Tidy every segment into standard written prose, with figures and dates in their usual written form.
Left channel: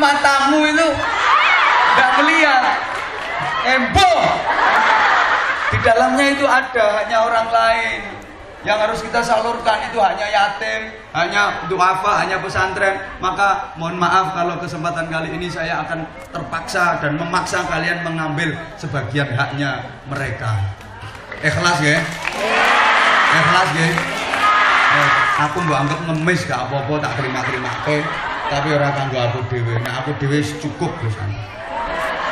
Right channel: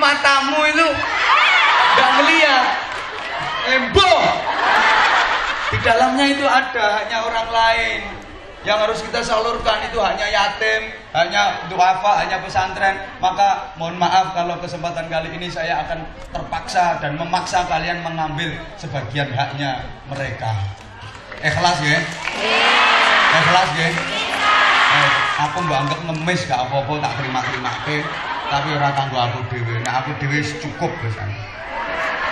matamu itu nggak melihat. Embo. Di dalamnya itu ada hanya orang lain. Yang harus kita salurkan itu hanya yatim, hanya duafa, hanya pesantren. Maka mohon maaf kalau kesempatan kali ini saya akan terpaksa dan memaksa kalian mengambil sebagian haknya mereka. Ikhlas ya? Ikhlas ya? Aku mbok anggap ngemis gak apa-apa, tak terima-terima. Tapi orang kanggo aku dhewe. Nah aku dhewe cukup Gus.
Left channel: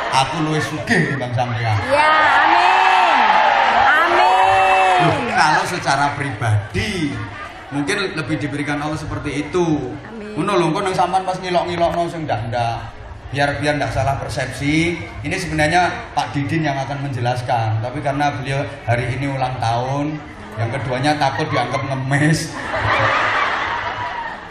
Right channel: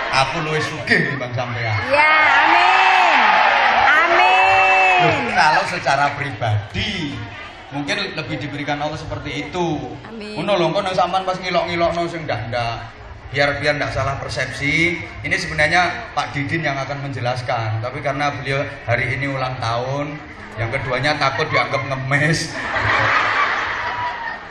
Aku luwih sugih timbang sampean. Ya, amin. Amin. Kalau secara pribadi mungkin lebih diberikan Allah seperti itu. Ngono lho, kono sampean pas ngilok-ngilokno sing ndak. Biar ndak salah persepsi. Ini sebenarnya Pak Didin yang akan menjelaskan. Tapi karena beliau hari ini ulang tahun, yang keduanya takut dianggap ngemis.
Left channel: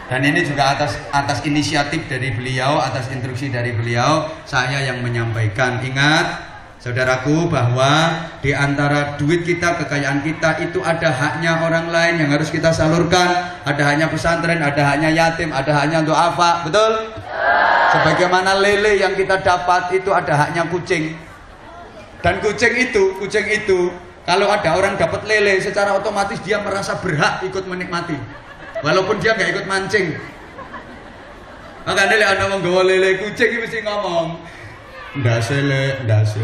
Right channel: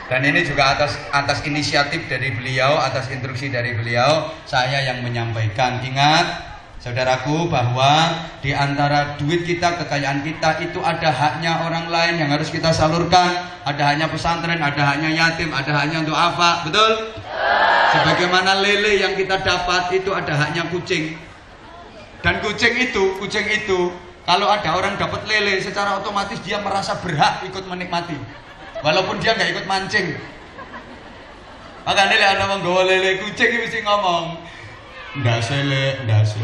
Dan ini juga atas inisiatif dari beliau, atas instruksi dari beliau, saya yang menyampaikan. Ingat, saudaraku, bahwa di antara duit kita, kekayaan kita itu ada haknya orang lain yang harus kita salurkan. Ada haknya pesantren, ada haknya yatim, ada haknya duafa, betul? Sebagaimana lele yang kita dapat itu ada haknya kucing. Dan kucing itu kalau ada orang dapat lele, secara otomatis dia merasa berhak ikut menikmati. Walaupun dia nggak ikut mancing. Makanya lele ada orang gawa lele kucing mesti ngomong, ndase le, ndase.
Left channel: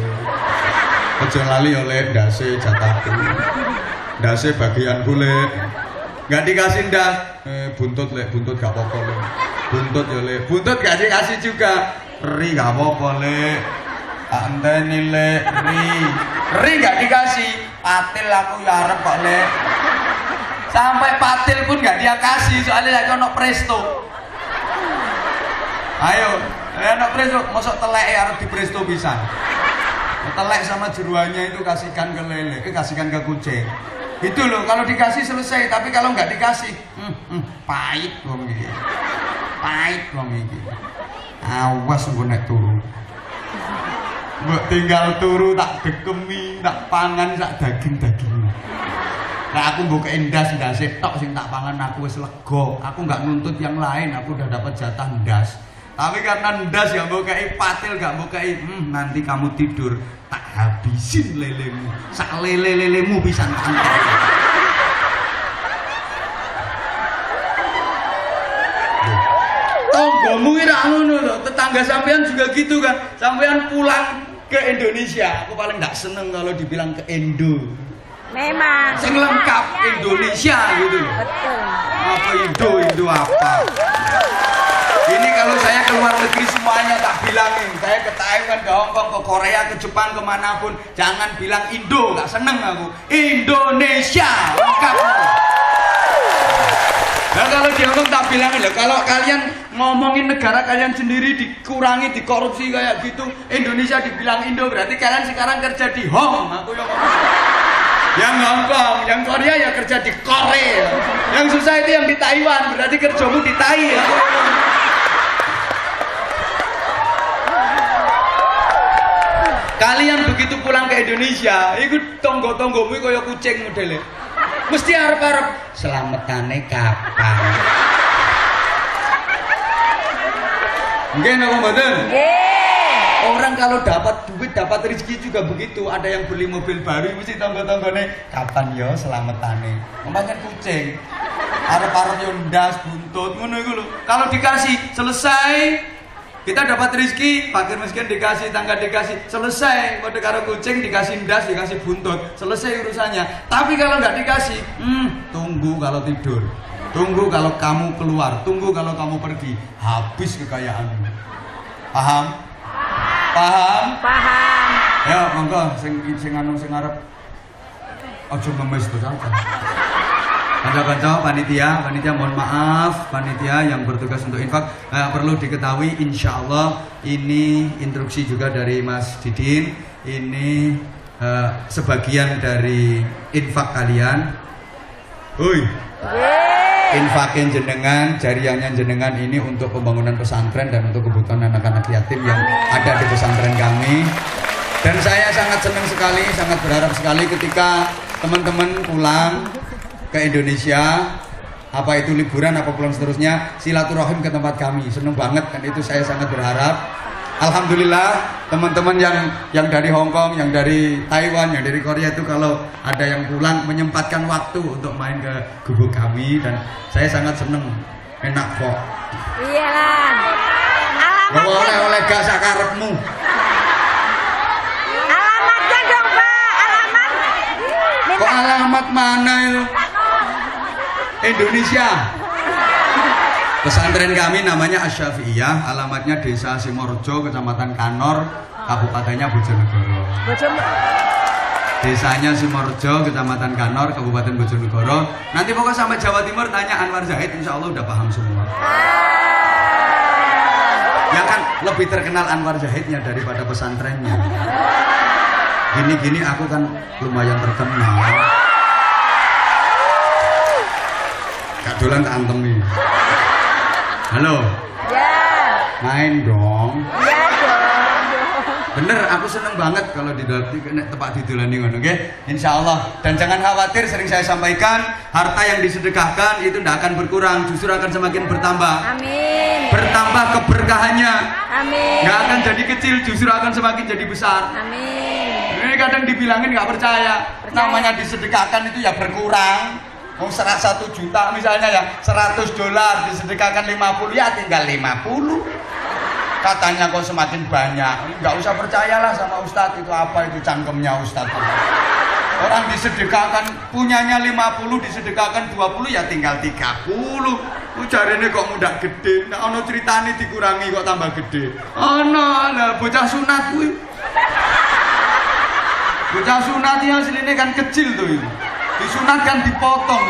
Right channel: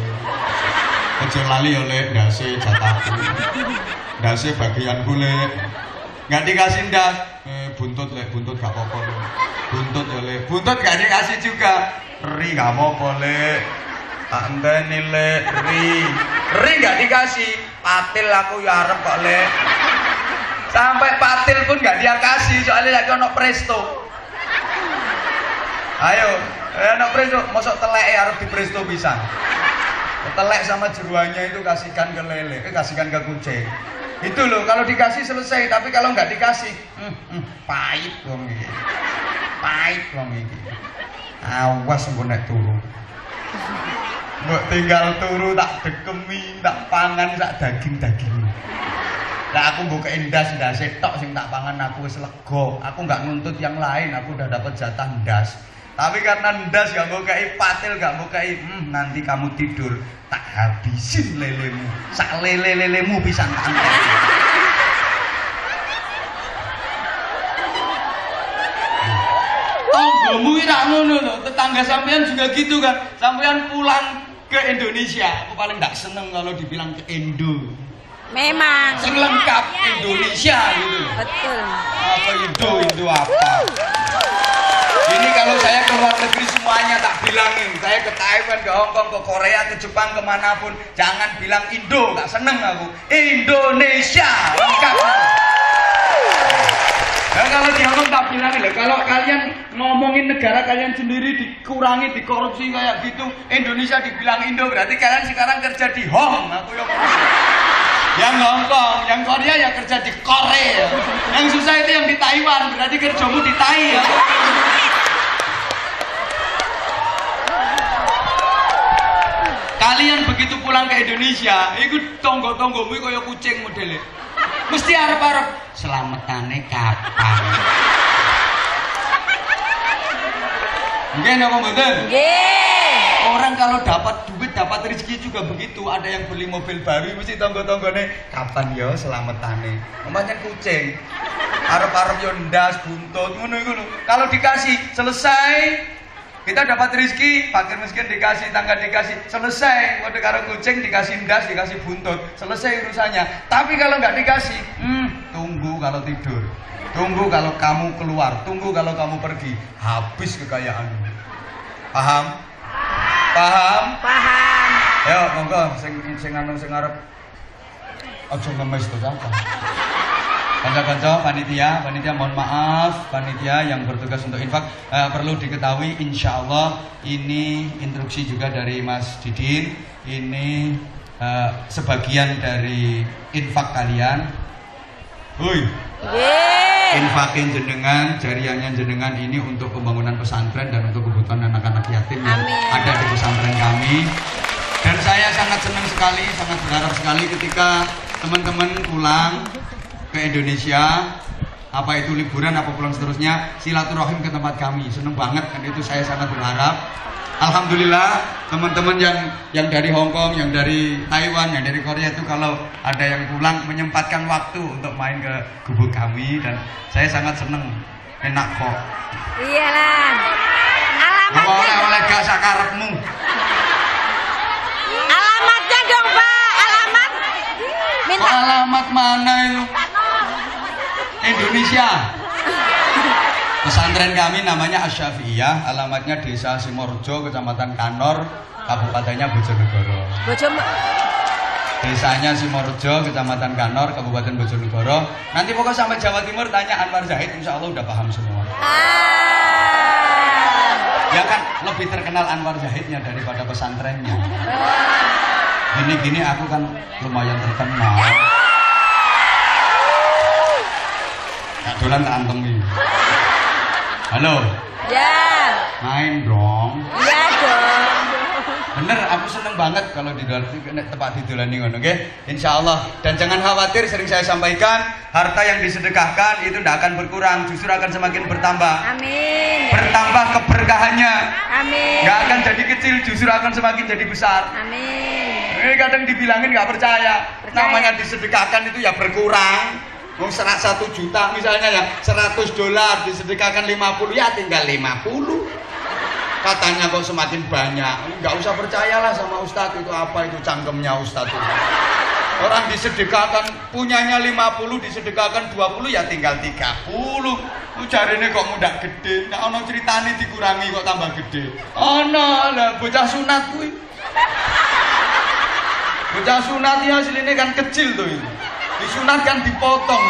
Aja lali oleh ndase jatahku. Ndase bagian kulit. Nggak dikasih ndas, buntut le, buntut gak apa-apa le. Buntut le, buntut gak dikasih juga. Ri gak apa-apa le. Anteni le, ri gak dikasih. Patil aku ya arep kok le. Sampai patil pun gak dia kasih, soalnya lagi ono presto. Ayo, ono presto, mosok telek harus di presto bisa. Telek sama jeruannya itu kasihkan ke lele, kasihkan ke kucing. Itu loh, kalau dikasih selesai, tapi kalau nggak dikasih, pahit wong iki. Pahit wong iki. Awas engko nek turu. Mbok tinggal turu tak dekemi, tak pangan sak daging-daging. Nah aku mbok ndas tok sing tak pangan aku wis lega. Aku nggak nuntut yang lain, aku udah dapat jatah ndas. Tapi karena ndas gak mbok kei patil, gak mbok kei, nanti kamu tidur tak habisin lelemu. Sak lelemu pisan antek. Tonggomu ki ra ngono lho, tetangga sampean juga gitu kan. Sampean pulang ke Indonesia, aku paling nggak seneng kalau dibilang ke Indo. Memang. Sing lengkap Indonesia gitu. Betul. Apa Indo apa? Ini kalau saya keluar negeri semuanya tak bilangin. Saya ke Taiwan, ke Hongkong, ke Korea, ke Jepang, kemanapun, jangan bilang Indo, gak seneng aku. Indonesia lengkap. Nah kalau di Hongkong tak bilangin loh, kalau kalian ngomongin negara kalian sendiri dikurangi, dikorupsi kayak gitu, Indonesia dibilang Indo, berarti kalian sekarang kerja di Hong. Aku yang ngomong. Yang Hongkong, yang Korea ya kerja di Korea. Yang susah itu yang di Taiwan, berarti kerjamu di Tai ya. Kalian begitu pulang ke Indonesia, ikut tonggo-tonggomu kaya kucing modelnya. Mesti arep-arep selametane kapan. Nggih napa mboten? Nggih. Orang kalau dapat duit, dapat rezeki juga begitu. Ada yang beli mobil baru, mesti tonggo-tonggone kapan yo selametane. Umpamanya kucing, arep-arep yo ndas buntut ngono iku lho. Kalau dikasih selesai, kita dapat rezeki, fakir miskin dikasih, tangga dikasih, selesai. Kode karo kucing dikasih ndas, dikasih buntut, selesai urusannya. Tapi kalau nggak dikasih, tunggu kalau tidur, tunggu kalau kamu keluar, tunggu kalau kamu pergi, habis kekayaanmu. Paham? Paham? Paham. Ya, monggo sing arep aja ngemes terus aja. Kanca-kanca panitia mohon maaf, panitia yang bertugas untuk infak, perlu diketahui insyaallah ini instruksi juga dari Mas Didin, ini sebagian dari infak kalian. Infakin jenengan, jariahnya jenengan ini untuk pembangunan pesantren dan untuk kebutuhan anak-anak yatim yang ada di pesantren kami. Dan saya sangat senang sekali, sangat berharap sekali ketika teman-teman pulang ke Indonesia, apa itu liburan apa pulang seterusnya, silaturahim ke tempat kami. Seneng banget, dan itu saya sangat berharap. Alhamdulillah teman-teman yang dari Hong Kong, yang dari Taiwan, yang dari Korea itu kalau ada yang pulang menyempatkan waktu untuk main ke gubuk kami, dan saya sangat seneng. Enak kok. Iyalah. Alamatnya. Oleh gak sakarepmu. Alamatnya dong, Pak. Alamat. Kok alamat mana? Indonesia. Pesantren kami namanya Asy-Syafi'iyah, alamatnya Desa Simorjo, Kecamatan Kanor, Kabupatennya Bojonegoro. Desanya Simorjo, Kecamatan Kanor, Kabupaten Bojonegoro. Nanti pokoknya sampai Jawa Timur tanya Anwar Zahid, insya Allah udah paham semua. Ya kan lebih terkenal Anwar Zahidnya daripada pesantrennya. Gini-gini aku kan lumayan terkenal. Gak dolan keanteng nih. Halo. Ya. Main dong. Iya dong. Bener, aku seneng banget kalau di tempat didolani ngono, oke? Insya Allah. Dan jangan khawatir, sering saya sampaikan, harta yang disedekahkan itu tidak akan berkurang, justru akan semakin bertambah. Amin. Bertambah keberkahannya. Amin. Nggak akan jadi kecil, justru akan semakin jadi besar. Amin. Ini kadang dibilangin nggak percaya. Namanya disedekahkan itu ya berkurang. Mau 1 juta misalnya ya, $100 disedekahkan 50, ya tinggal 50. Katanya kok semakin banyak. Nggak usah percayalah sama Ustadz, itu apa itu cangkemnya Ustadz. Orang disedekahkan punyanya 50, disedekahkan 20, ya tinggal 30. Ujarane kok mudah gede. Nah ono ceritane dikurangi kok tambah gede. Ono lah bocah sunat kuwi. Bocah sunat ya aslinya kan kecil tuh. Disunat kan dipotong,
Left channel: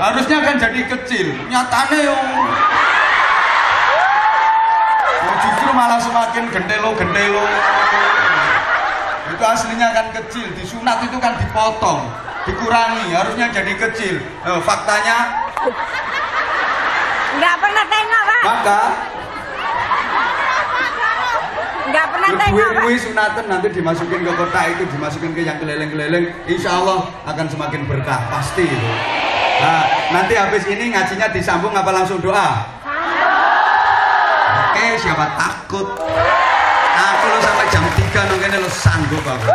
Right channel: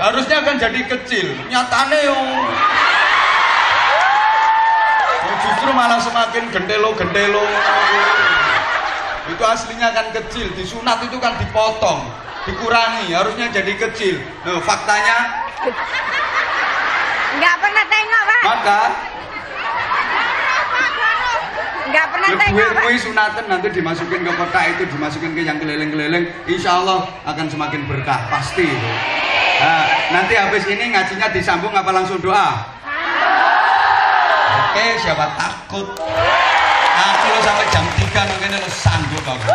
harusnya kan jadi kecil, nyatane justru malah semakin gendelo. Itu aslinya kan kecil, disunat itu kan dipotong, dikurangi, harusnya jadi kecil. Faktanya nggak pernah tengok, Pak. Maka Nggak pernah tengok, Pak. Sunatan nanti dimasukin ke kotak itu, dimasukin ke yang keliling-keliling, insya Allah akan semakin berkah, pasti. Nah, nanti habis ini ngajinya disambung apa langsung doa? Oke, siapa takut? Aku lo sampai jam 3 nanti lo sanggup aku.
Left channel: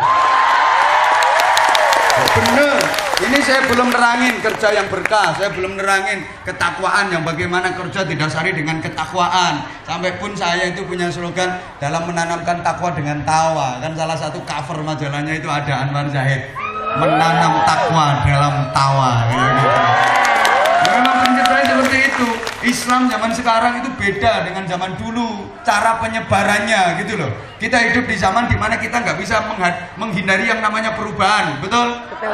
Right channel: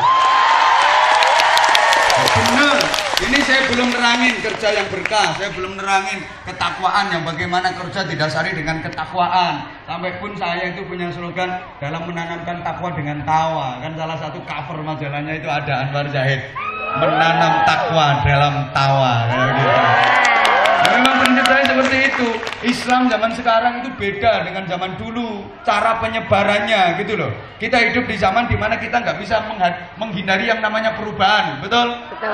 Bener, ini saya belum nerangin kerja yang berkah, saya belum nerangin ketakwaan yang bagaimana kerja didasari dengan ketakwaan. Sampai pun saya itu punya slogan dalam menanamkan takwa dengan tawa. Kan salah satu cover majalahnya itu ada Anwar Zahid, menanam takwa dalam tawa. Gitu. Memang prinsip saya seperti itu. Islam zaman sekarang itu beda dengan zaman dulu, cara penyebarannya gitu loh. Kita hidup di zaman dimana kita nggak bisa menghindari yang namanya perubahan, betul? Betul.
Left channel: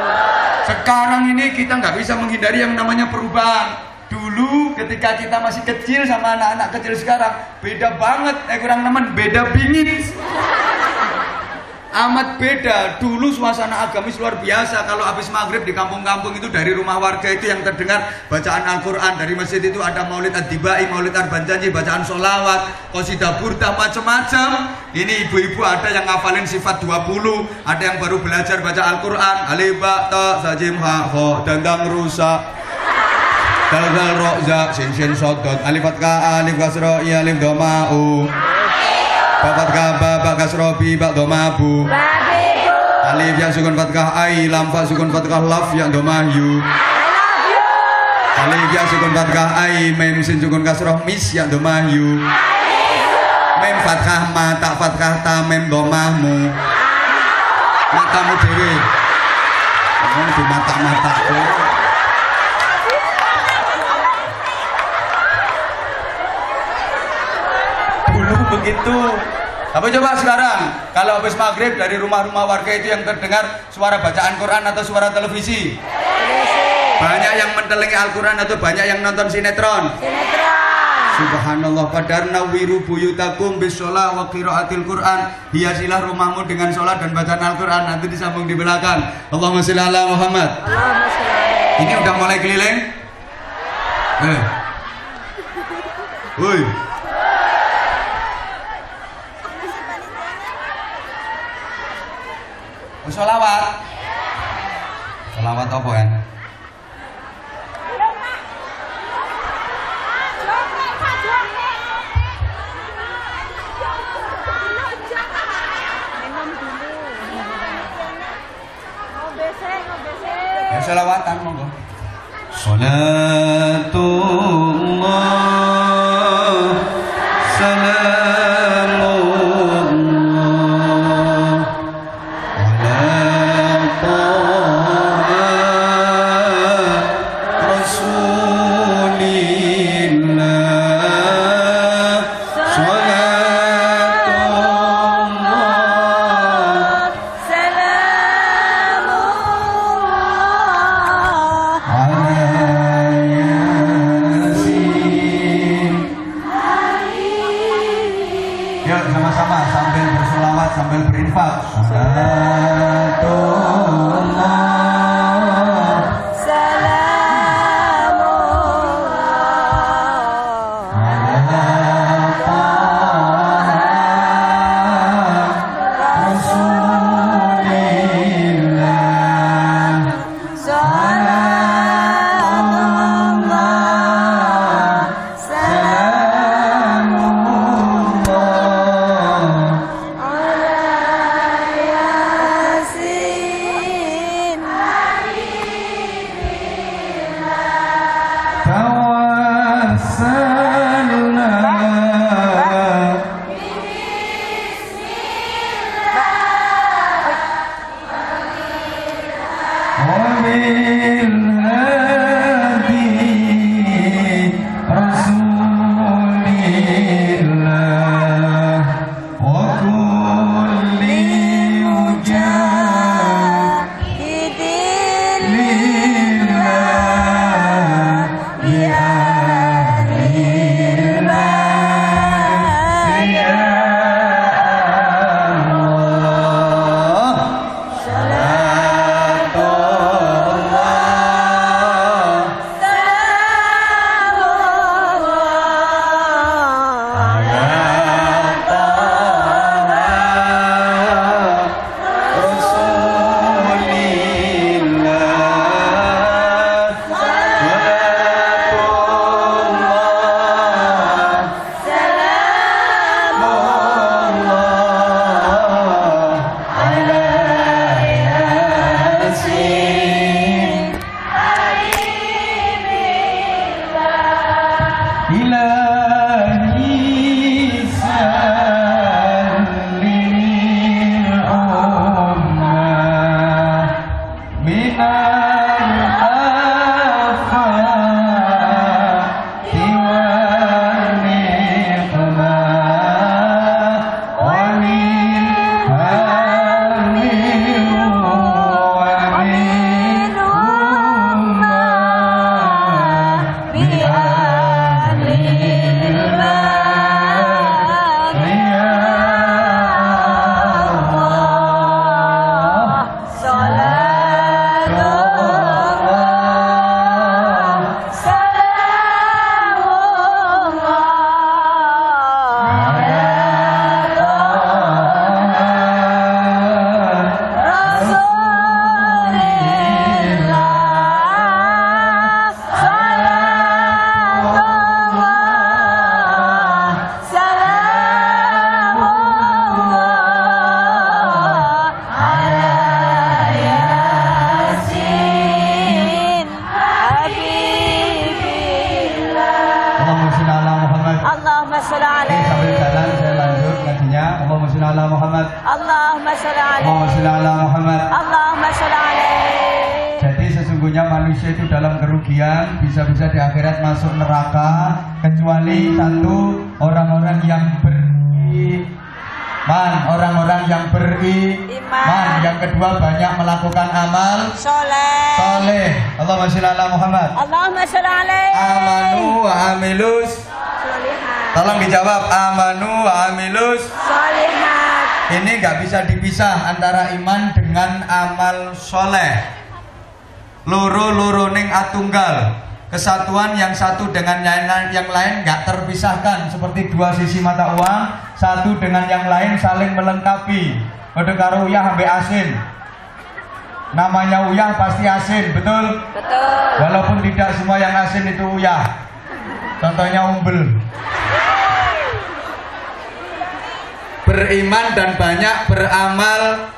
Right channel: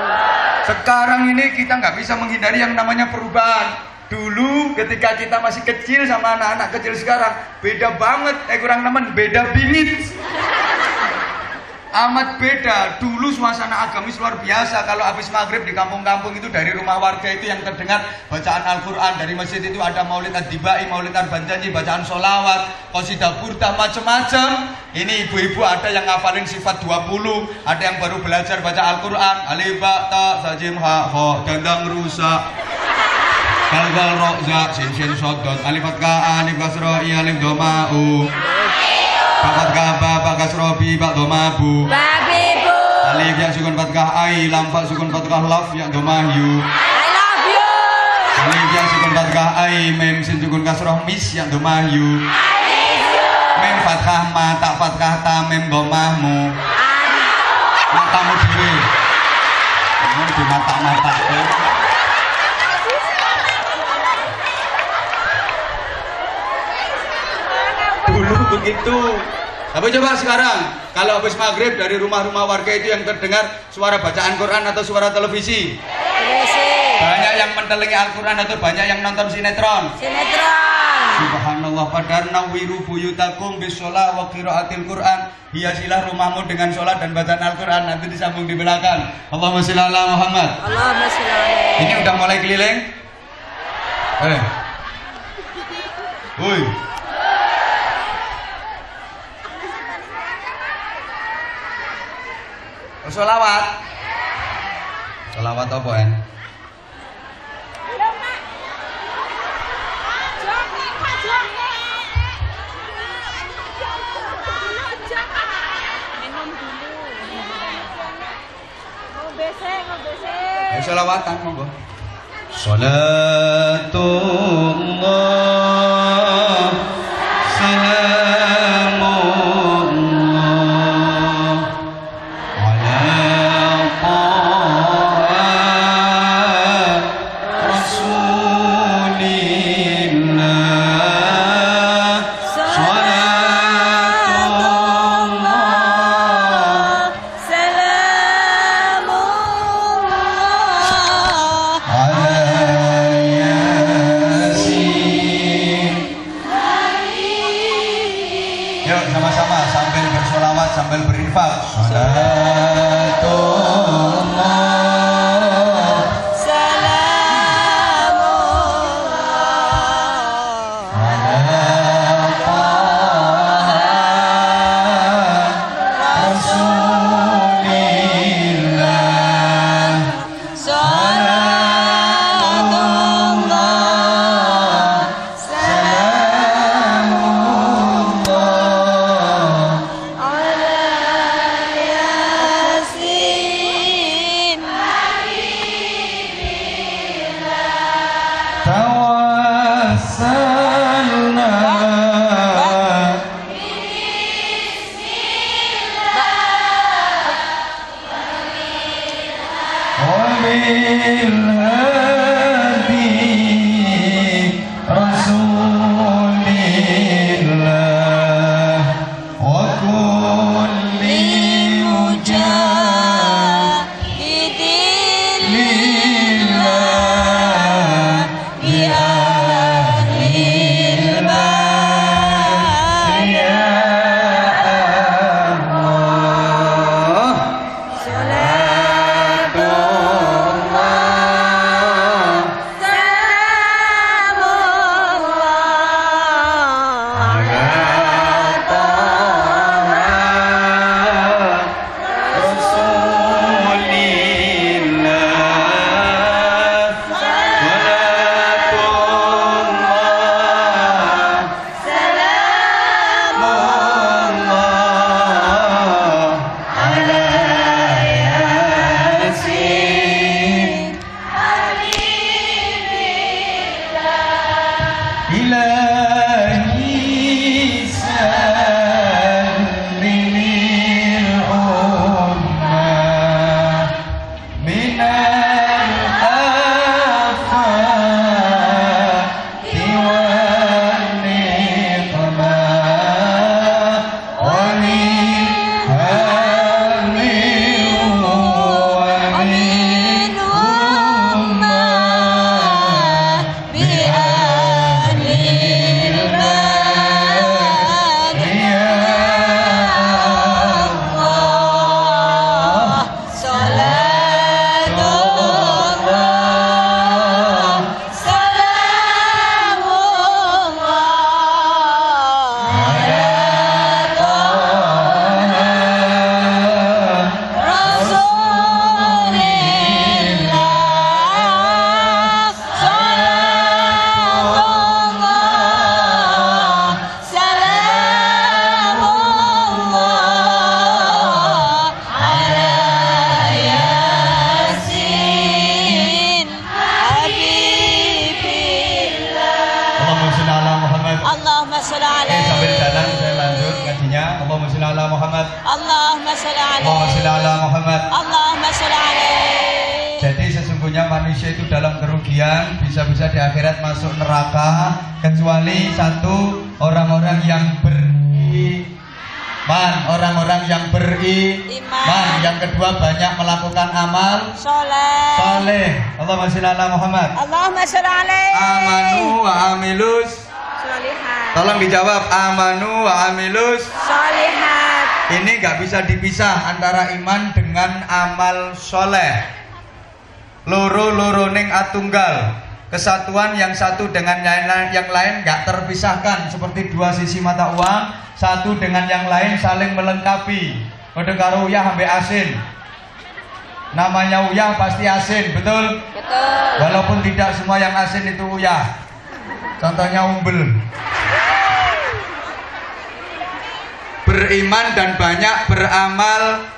Sekarang ini kita nggak bisa menghindari yang namanya perubahan. Dulu ketika kita masih kecil sama anak-anak kecil sekarang beda banget, kurang nemen, beda bingit. Amat beda. Dulu suasana agamis luar biasa. Kalau habis maghrib di kampung-kampung itu dari rumah warga itu yang terdengar bacaan Al-Quran. Dari masjid itu ada maulid ad-dibai, maulid ar-banjani, bacaan sholawat, qasidah burdah, macam-macam. Ini ibu-ibu ada yang ngafalin sifat 20, ada yang baru belajar baca Al-Quran. Alif ba ta sajim ha kha dandang rusak dal ro za sin sin sok dot alif fathah alif kasra ya alif dhamma u Bapak kaba, kasrobi, bak domabu. Babibu. Alif yang sukun fathah ai, lam fa sukun fathah laf yang domahyu. I love you. Alif yang sukun fathah ai, mim sin sukun kasroh mis yang domahyu. Mim fathah ma, tak fathah ta, mim domahmu. Matamu dewi. Ini di mata-mataku. Dulu begitu. Apa coba sekarang? Kalau habis maghrib dari rumah-rumah warga itu yang terdengar suara bacaan Quran atau suara televisi? Banyak yang mentelengi Al-Quran atau banyak yang nonton sinetron? Subhanallah, padarna wiru buyutakum bisolah wa qiraatil Quran. Hiasilah rumahmu dengan sholat dan bacaan Al-Quran. Nanti disambung di belakang. Allahumma sholli ala Muhammad. Allahumma sholli. Ini udah mulai keliling? Woi. Sholawat apa kan? selawatan monggo. Salatullah salamullah ala taha rasulillah salatullah salamullah ala yasin. Yuk sama-sama sambil bersolawat sambil berinfak. Salatullah salamullah ala taha rasulillah salatullah salamullah ala yasin tawassalna wabil hadi rasulillah wa kulli mujahidin lillah bi ahlil bait ya Allah salatullah salamullah ala taha rasulillah salatullah salamullah ala yasin. Ilahi sallimil ummah minal afati wan niqmah wa min hamil wa min ummah bi ahlil bait ya Allah salatullah salamullah ala taha rasulillah salatullah salamullah ala yasin habibillah Allahumma sholli ala Muhammad. Allahumma sholli Sambil jalan alaihi saya lanjut ngajinya. Allahumma sholli ala Muhammad. Allahumma sholli Allahumma sholli alaihi ala Muhammad. Allahumma sholli alaihi Jadi sesungguhnya manusia itu dalam kerugian, bisa-bisa di akhirat masuk neraka kecuali satu, orang-orang yang beriman, orang-orang yang beriman. Yang kedua banyak melakukan amal soleh. Allahumma sholli ala Muhammad. Allahumma sholli alaihi Amanu wa amilus. sholihat Tolong dijawab, amanu wa amilus. sholihat Ini nggak bisa dipisah antara iman dengan amal soleh. Loro ning atunggal. Kesatuan yang satu dengan yang lain nggak terpisahkan seperti dua sisi mata uang, satu dengan yang lain saling melengkapi. Kode karo uyah sampai asin. Namanya uyah pasti asin, betul? betul Walaupun tidak semua yang asin itu uyah. Contohnya umbel. Beriman dan banyak beramal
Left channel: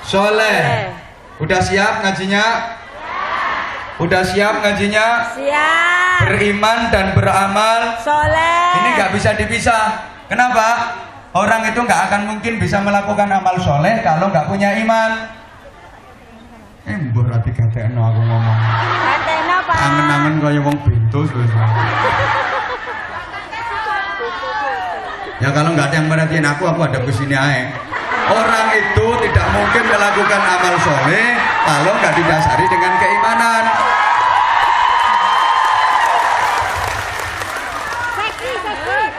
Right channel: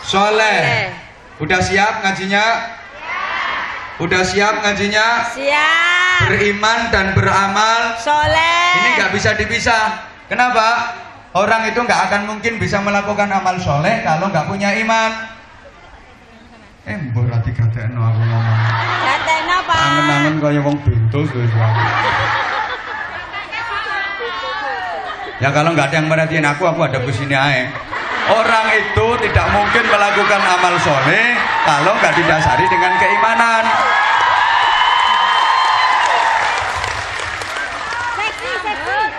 soleh. Udah siap ngajinya? Udah siap ngajinya? Siap. Beriman dan beramal Soleh. ini nggak bisa dipisah. Kenapa? Orang itu nggak akan mungkin bisa melakukan amal soleh kalau nggak punya iman. Berarti katekno aku ngomong. Katekno, Pak. Angen-angen kaya wong bentus wis. Ya kalau nggak ada yang merhatiin aku ada di sini aja. Orang itu tidak mungkin melakukan amal soleh kalau nggak didasari dengan keimanan.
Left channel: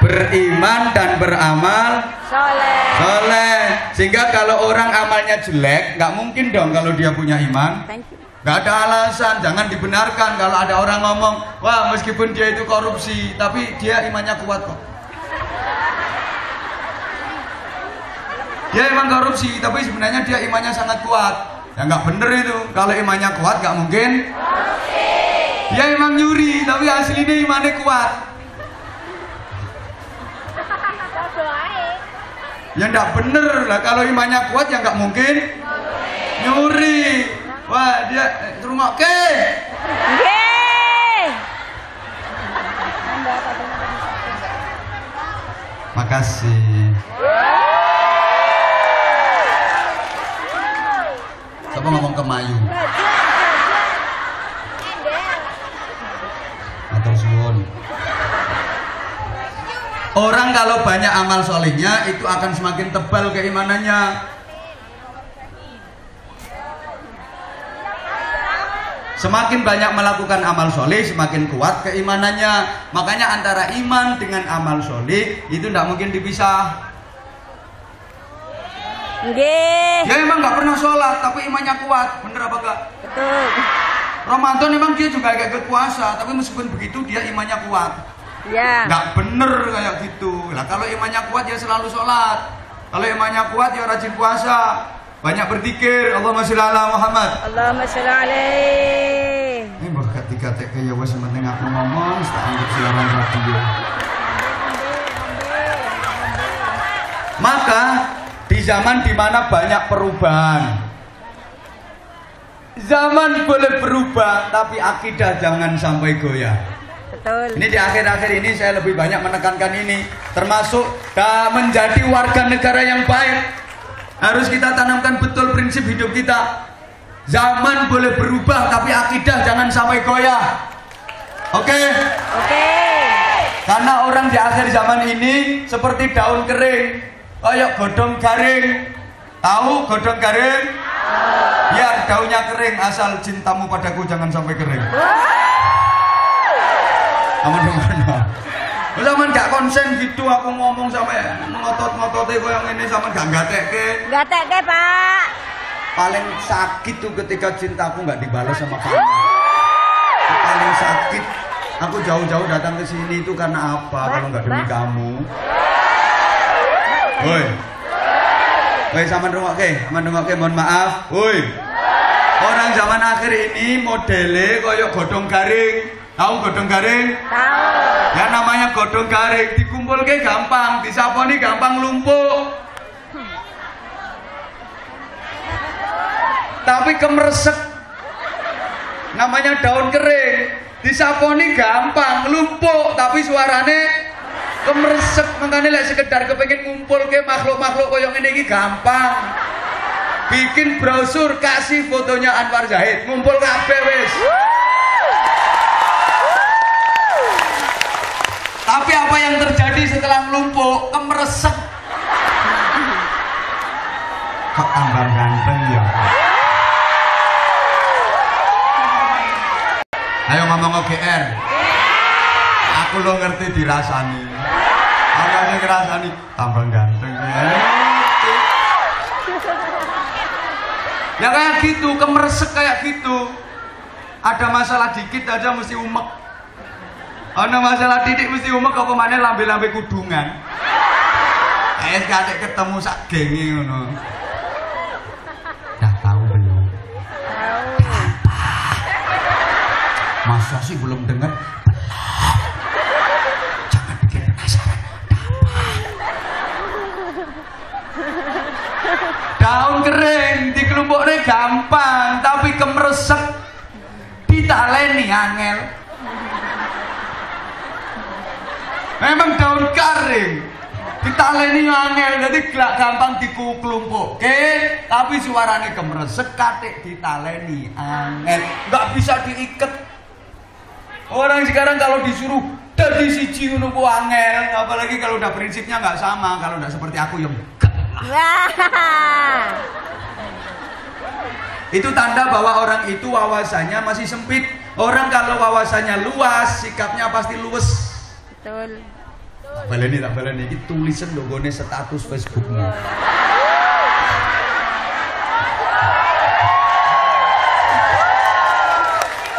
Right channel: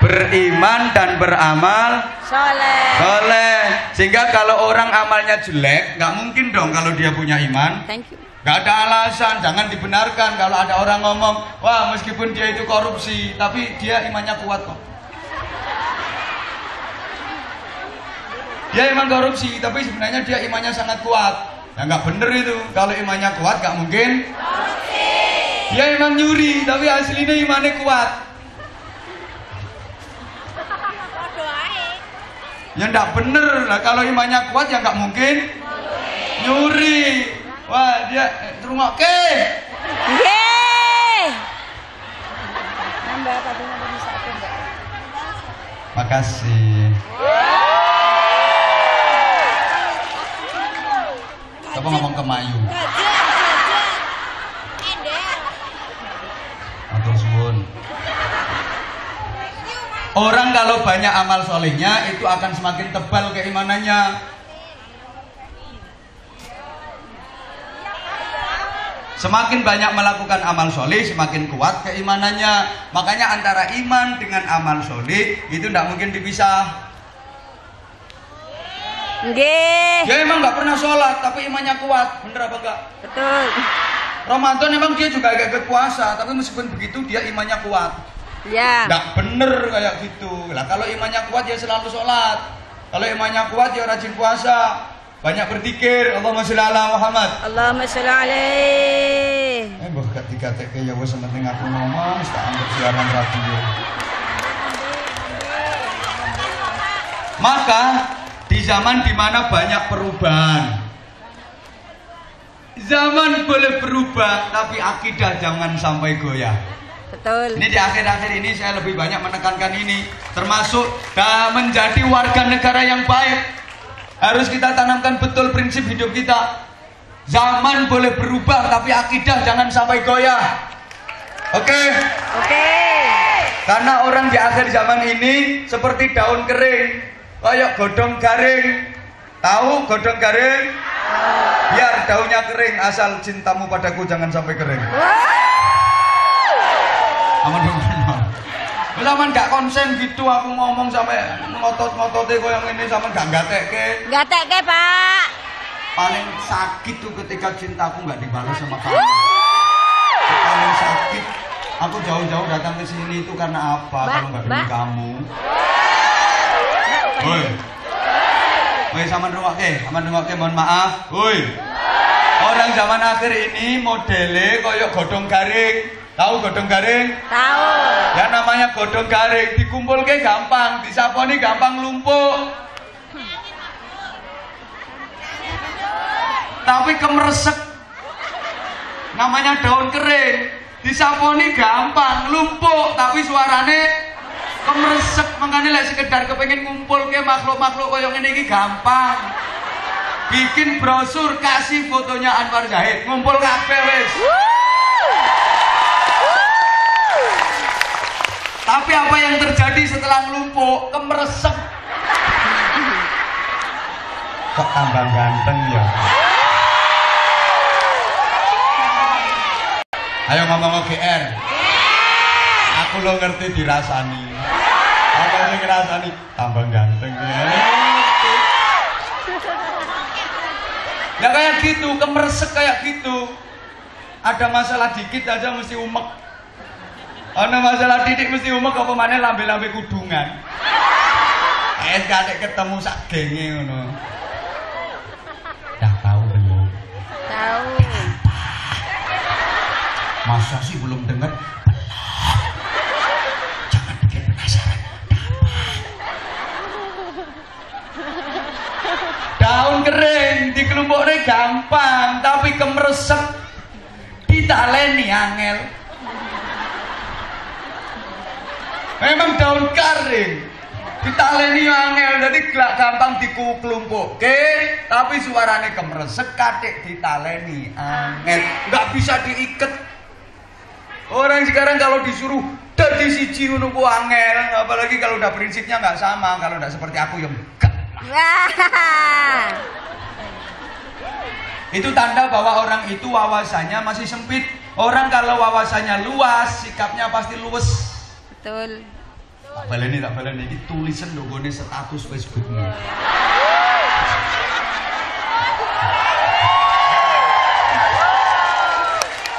Beriman dan beramal soleh. Sehingga kalau orang amalnya jelek, nggak mungkin dong kalau dia punya iman. Nggak ada alasan, jangan dibenarkan kalau ada orang ngomong, wah meskipun dia itu korupsi, tapi dia imannya kuat kok. Dia emang korupsi, tapi sebenarnya dia imannya sangat kuat. Ya nggak bener itu, kalau imannya kuat nggak mungkin korupsi. Dia emang nyuri, tapi aslinya imannya kuat. Ya nggak bener lah, kalau imannya kuat ya nggak mungkin nyuri. Wah dia rumah ke. Makasih. Coba ngomong ke Mayu. Matur suwun. Orang kalau banyak amal solehnya itu akan semakin tebal keimanannya. Semakin banyak melakukan amal soleh, semakin kuat keimanannya. Makanya antara iman dengan amal soleh itu tidak mungkin dipisah. Dia emang nggak pernah sholat, tapi imannya kuat, bener apa enggak? Betul. Ramadan emang dia juga agak berpuasa, tapi meskipun begitu dia imannya kuat. Ya. Nggak bener kayak gitu. Lah kalau imannya kuat dia selalu sholat. Kalau imannya kuat dia rajin puasa, banyak berzikir. Allahumma sholli ala Muhammad. Allahumma sholli alaihi. Ketika ya wes penting aku ngomong, tak anggap siaran radio. Maka di zaman dimana banyak perubahan, zaman boleh berubah, tapi akidah jangan sampai goyah. Betul. Ini di akhir-akhir ini saya lebih banyak menekankan ini, termasuk menjadi warga negara yang baik. Harus kita tanamkan betul prinsip hidup kita. Zaman boleh berubah, tapi akidah jangan sampai goyah. Oke? Oke. Karena orang di akhir zaman ini seperti daun kering, kayak godong garing. Tahu godong garing? Biar daunnya kering, asal cintamu padaku jangan sampai kering. Aman. Zaman gak konsen gitu aku ngomong sampai ngotot-ngototnya kok yang ini sama gak gatekke. Gatekke, Pak. Paling sakit tuh ketika cintaku gak dibalas sama kamu. Paling sakit. Aku jauh-jauh datang ke sini itu karena apa? Kalau gak demi kamu. Woi, sama nengok ke, mohon maaf. Woi. Orang zaman akhir ini modelnya kayak godong garing. Tahu godong garing? Tahu. Ya namanya godong garing, dikumpulke gampang, disaponi gampang lumpuh. Tapi kemeresek. Namanya daun kering, disaponi gampang, lumpuh, tapi suarane kemeresek. Makanya lek sekedar kepengen ngumpulke makhluk-makhluk koyo ngene iki gampang. Bikin brosur, kasih fotonya Anwar Zahid, ngumpul kabeh wis. Tapi apa yang terjadi setelah melumpuk? Kemeresek. Kok tambah ganteng ya? Ayo ngomong OGR. Aku lo ngerti dirasani. Aku ngerti dirasani tambah ganteng ya. Ya kayak gitu, kemeresek kayak gitu. Ada masalah dikit aja mesti umek. Ana masalah titik mesti umek apa maneh lambe-lambe kudungan. Kayak ketemu sak genge ngono. Dah tahu belum? Tahu. Masa sih belum dengar? Jangan bikin penasaran. Daun kering dikelompoknya gampang, tapi kemeresek. Kita ditaleni angel. Memang daun kering ditaleni angel, jadi gak gampang dikuklumpukke, tapi suarane kemresek katik ditaleni angel, nggak bisa diiket. Orang sekarang kalau disuruh dari siji ngono ku angel, apalagi kalau udah prinsipnya nggak sama, kalau udah seperti aku ya enggak lah. Itu tanda bahwa orang itu wawasannya masih sempit. Orang kalau wawasannya luas, sikapnya pasti luwes. Betul. Tak baleni ini tulisan logone status Facebookmu.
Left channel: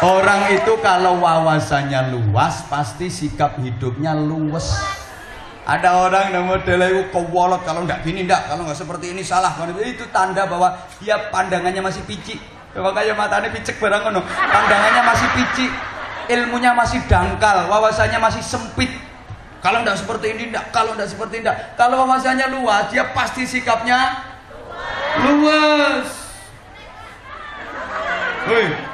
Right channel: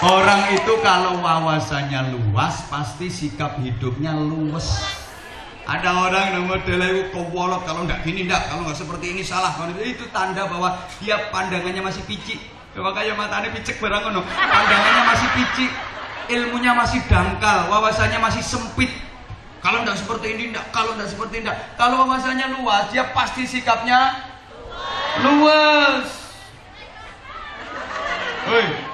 Orang itu kalau wawasannya luas, pasti sikap hidupnya luwes. Ada orang yang modelnya itu kewolot, kalau nggak gini nggak, kalau nggak seperti ini salah. Itu tanda bahwa dia pandangannya masih picik. Kalau kayak matanya picek barang kono, pandangannya masih picik, ilmunya masih dangkal, wawasannya masih sempit. Kalau nggak seperti ini nggak, kalau nggak seperti ini nggak. Kalau wawasannya luas, dia pasti sikapnya luas. Woi.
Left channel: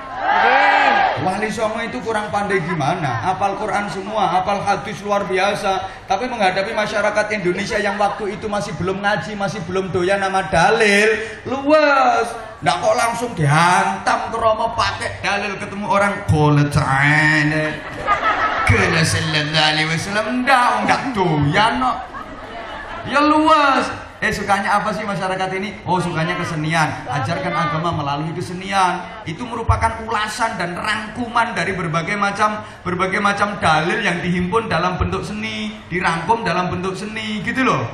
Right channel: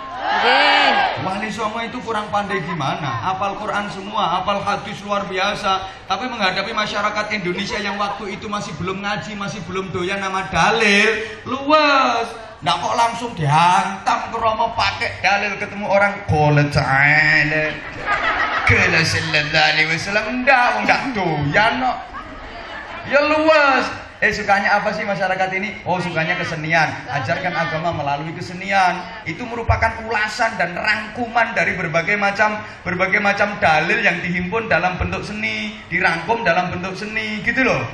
Wali Songo itu kurang pandai gimana? Hafal Quran semua, hafal hadis luar biasa. Tapi menghadapi masyarakat Indonesia yang waktu itu masih belum ngaji, masih belum doyan nama dalil, luas. Nggak kok langsung dihantam ke Romo pakai dalil, ketemu orang qala ta'ala qala sallallahu alaihi wasallam, nggak doyan kok. Ya luas. Sukanya apa sih masyarakat ini? Oh, sukanya kesenian. Ajarkan agama melalui kesenian. Itu merupakan ulasan dan rangkuman dari berbagai macam dalil yang dihimpun dalam bentuk seni, dirangkum dalam bentuk seni, gitu loh.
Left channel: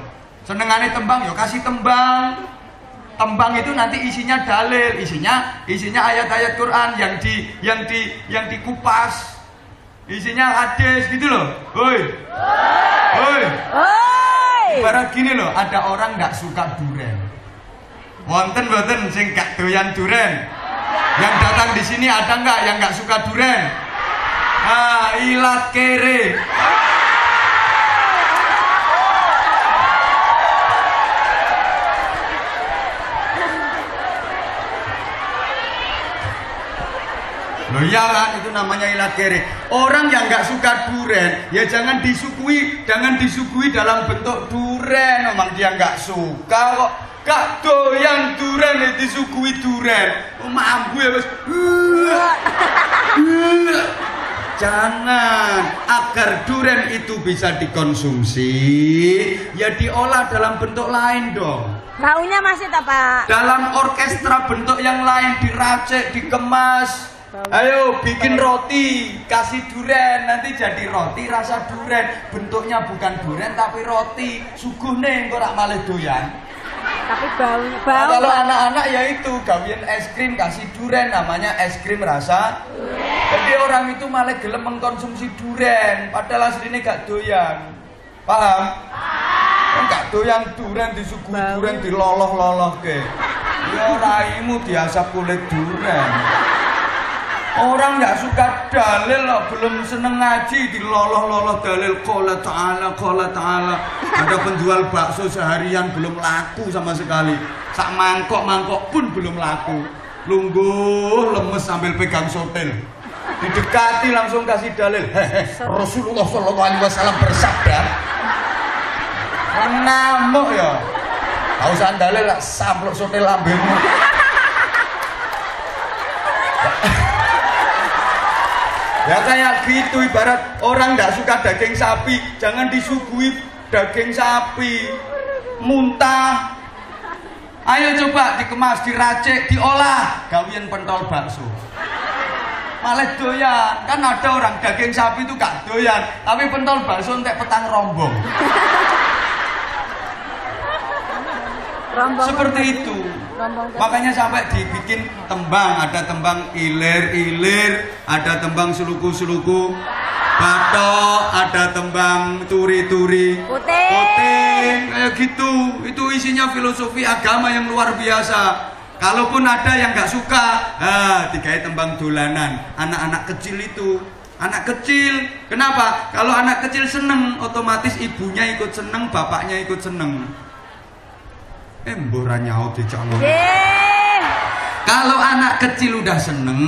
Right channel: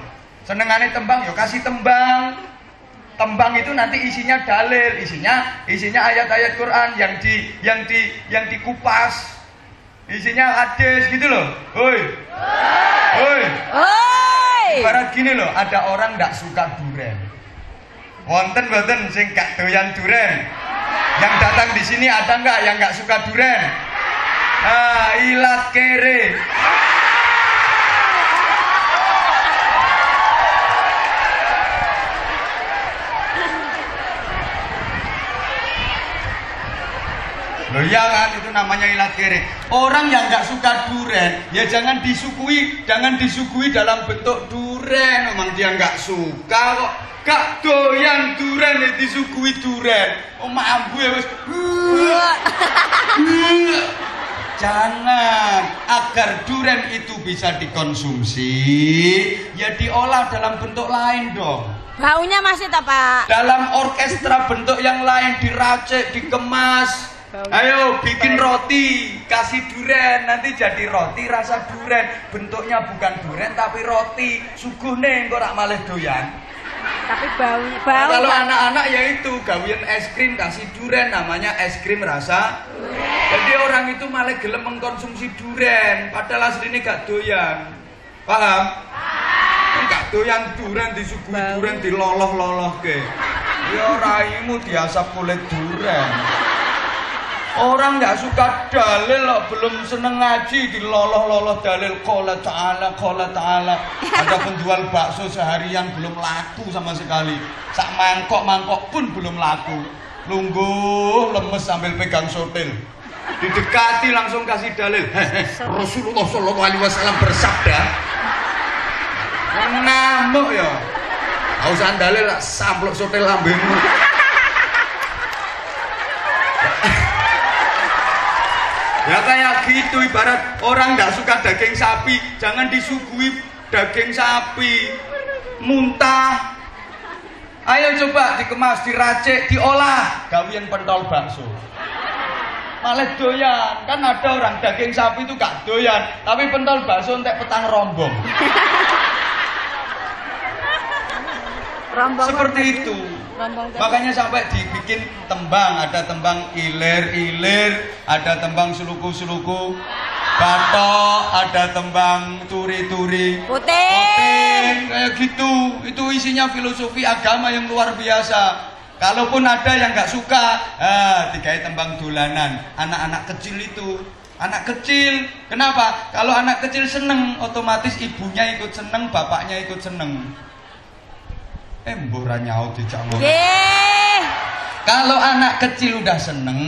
Senengane tembang, ya kasih tembang. Tembang itu nanti isinya dalil, isinya ayat-ayat Quran yang dikupas. Isinya hadis, gitu loh. Hoi. Hoi. Ibarat gini loh, ada orang nggak suka duren. Wonten boten sing gak doyan duren? Yang datang di sini ada nggak yang nggak suka duren? Ah, ilat kere. Loh ya kan, itu namanya ilat kere. Orang yang nggak suka duren, ya jangan disuguhi dalam bentuk duren. Memang dia nggak suka kok, gak doyan duren, disuguhi duren. Oh mampu ya bos. Jangan, agar duren itu bisa dikonsumsi, ya diolah dalam bentuk lain dong. Baunya masih tak Pak? Dalam orkestra bentuk yang lain, diracik, dikemas. Ayo bikin roti, kasih duren, nanti jadi roti rasa duren. Bentuknya bukan duren tapi roti. Suguh nih, kok rak malah doyan. Tapi baunya nah, kalau anak-anak ya itu gawian es krim kasih duren, namanya es krim rasa duren. Jadi orang itu malah gelem mengkonsumsi duren, padahal aslinya gak doyan. Paham? Gak doyan duren, disuguhi duren, diloloh-loloh ke. Ya raimu diasap kulit duren. Orang nggak suka dalil loh, belum seneng ngaji, diloloh-loloh dalil qala ta'ala. Ada penjual bakso seharian belum laku sama sekali. Sak mangkok pun belum laku. Lungguh lemes sambil pegang sotel. Didekati langsung kasih dalil. Rasulullah Shallallahu Alaihi Wasallam bersabda. Ngamuk ya. Tahu usah dalil lah, samplok sotel lambemu. Ya kayak gitu, ibarat orang nggak suka daging sapi, jangan disuguhi daging sapi muntah. Ayo coba dikemas, diracik, diolah, gawian pentol bakso. Malah doyan, kan ada orang daging sapi itu gak doyan, tapi pentol bakso entek petang rombong. Seperti itu. Makanya sampai dibikin tembang, ada tembang ilir-ilir, ada tembang suluku-suluku, batok, ada tembang turi-turi, puting, kayak gitu. Itu isinya filosofi agama yang luar biasa. Kalaupun ada yang nggak suka, dikai tembang dolanan. Anak-anak kecil itu, anak kecil, kenapa? Kalau anak kecil seneng, otomatis ibunya ikut seneng, bapaknya ikut seneng. Mbura nyaut di calon. Kalau anak kecil udah seneng,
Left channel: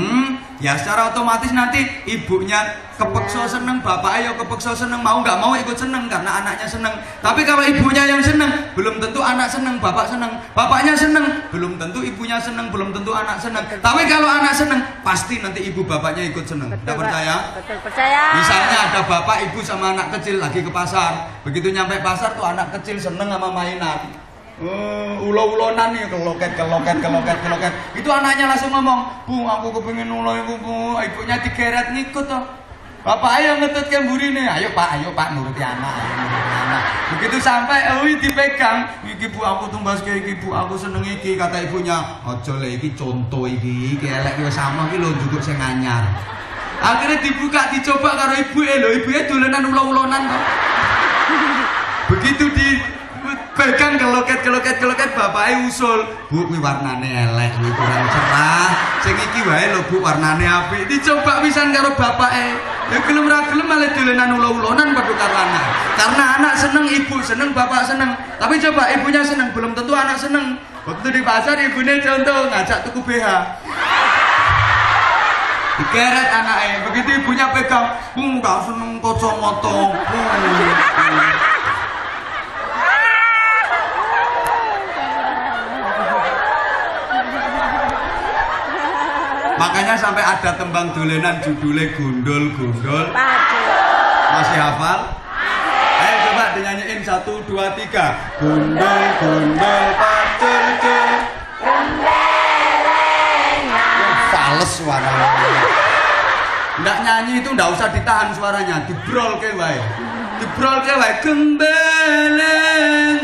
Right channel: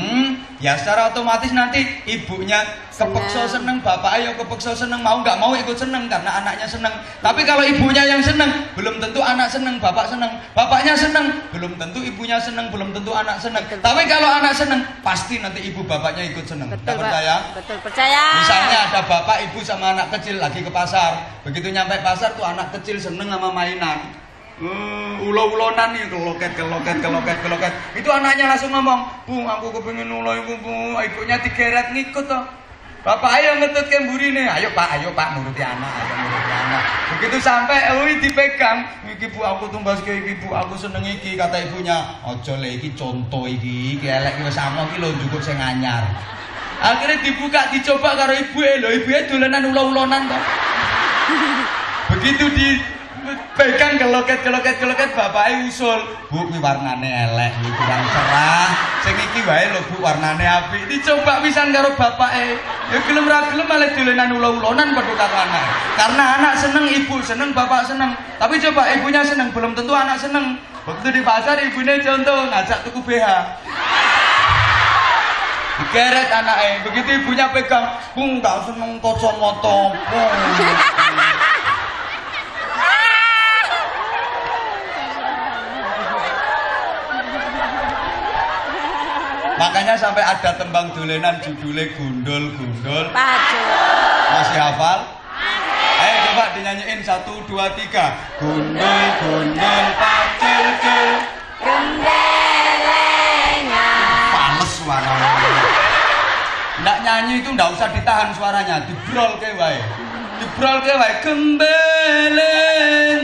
ya secara otomatis nanti ibunya kepeksa seneng, bapaknya kepeksa seneng, mau nggak mau ikut seneng karena anaknya seneng. Tapi kalau ibunya yang seneng, belum tentu anak seneng, bapak seneng. Bapaknya seneng, belum tentu ibunya seneng, belum tentu anak seneng. Tapi kalau anak seneng, pasti nanti ibu bapaknya ikut seneng. Betul, percaya? Betul, percaya. Misalnya ada bapak ibu sama anak kecil lagi ke pasar, begitu nyampe pasar tuh anak kecil seneng sama mainan. Ulo-ulonan nih, keloket. Itu anaknya langsung ngomong, "Bu, aku kepengin ulo ibu, Bu." Ibunya digeret ngikut toh. Bapak ayo ngetut ke burine. Ayo Pak, nuruti anak, Begitu sampai dipegang, "Iki Bu aku tumbas ke iki Bu, aku seneng iki." Kata ibunya, "Aja le iki contoh iki elek wis sama iki lho njupuk sing anyar." Akhirnya dibuka, dicoba karo ibuke, lho ibuke dolanan ulo-ulonan toh. Begitu pegang keloket, bapaknya usul, "Bu, kuwi warnane elek, kuwi kurang cerah. Sing iki wae lho Bu, warnane apik." Dicoba pisan karo bapake. Ya gelem ra gelem malah dolenan ulo-ulonan padha karo anak. Karena anak seneng, ibu seneng, bapak seneng. Tapi coba ibunya seneng, belum tentu anak seneng. Waktu di pasar ibunya contoh ngajak tuku BH. Digeret anaknya, begitu ibunya pegang, "Bu, gak seneng kacamata, Bu." Makanya sampai ada tembang dolenan judulnya Gondol-Gondol. Masih hafal? Ayo coba dinyanyiin 1, 2, 3. Gondol-Gondol pacul-cul. Gendelengan. Fales suaranya. Nggak nyanyi itu nggak usah ditahan suaranya, dibrol ke wae. Gembelengan.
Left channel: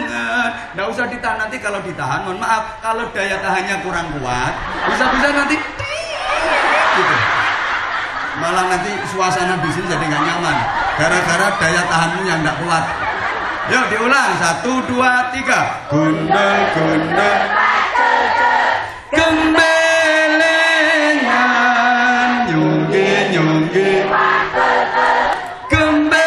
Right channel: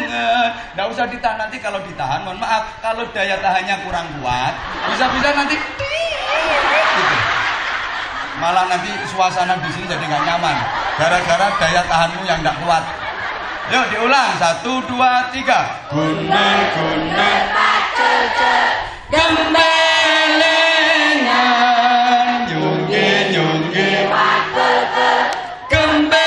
Nggak usah ditahan, nanti kalau ditahan, mohon maaf, kalau daya tahannya kurang kuat, bisa-bisa nanti gitu. Malah nanti suasana di sini jadi nggak nyaman gara-gara daya tahanmu yang nggak kuat. Yuk diulang 1, 2, 3. Gondol-gondol gembelengan, nyongge gembelengan,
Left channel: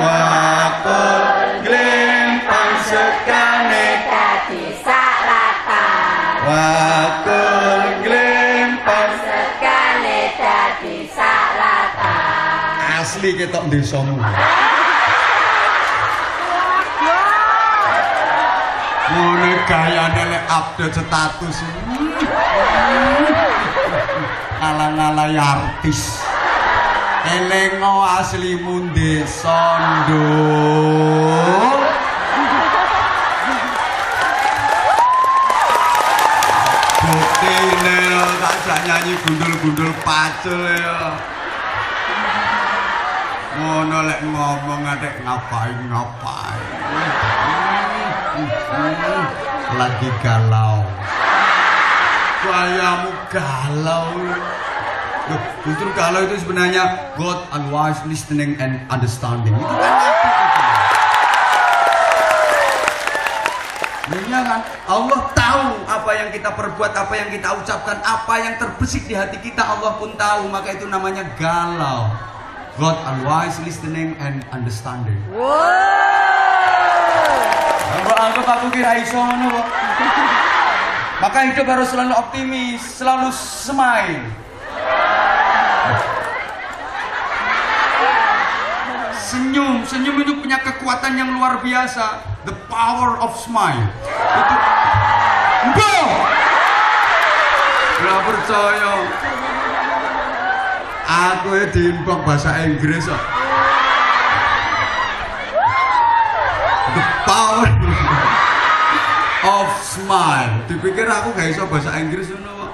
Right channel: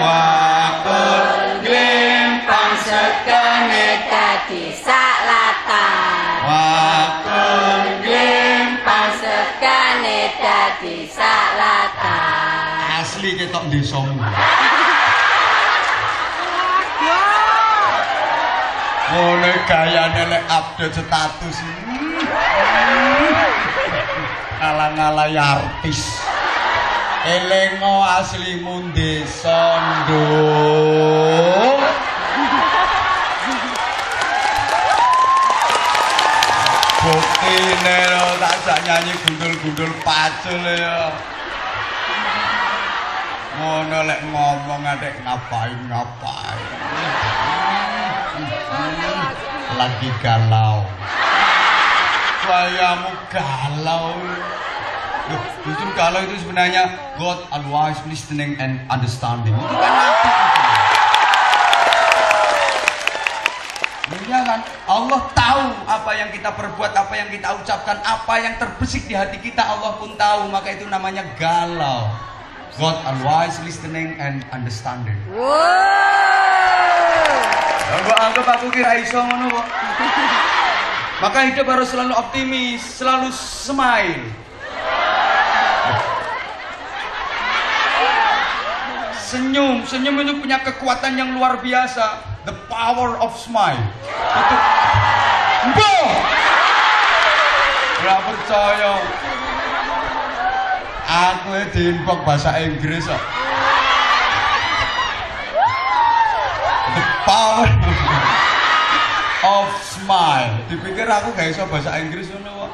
wakul glimpang sekane dadi salatan. Wakul dadi salatan. Asli ketok desamu. Ngono gayane nek update status. Ala-ala artis. Elengo aslimu desa nduk. Buktine lho tak nyanyi gundul-gundul pacul ya. Ngono lek ngomong adek ngapain. Lagi galau. Kayamu galau. Loh, justru galau itu sebenarnya God always listening and understanding. Itu kan kan Allah tahu apa yang kita perbuat, apa yang kita ucapkan, apa yang terbesit di hati kita, Allah pun tahu. Maka itu namanya galau. God always listening and understanding. Mbak anggap aku kira iso ngono kok. Maka hidup harus selalu optimis, selalu smile. Senyum itu punya kekuatan yang luar biasa. The power of smile. Itu boh. Nggak percaya. Aku diimpok bahasa Inggris kok. The power of smile. Dipikir aku gak iso bahasa Inggris ngono kok.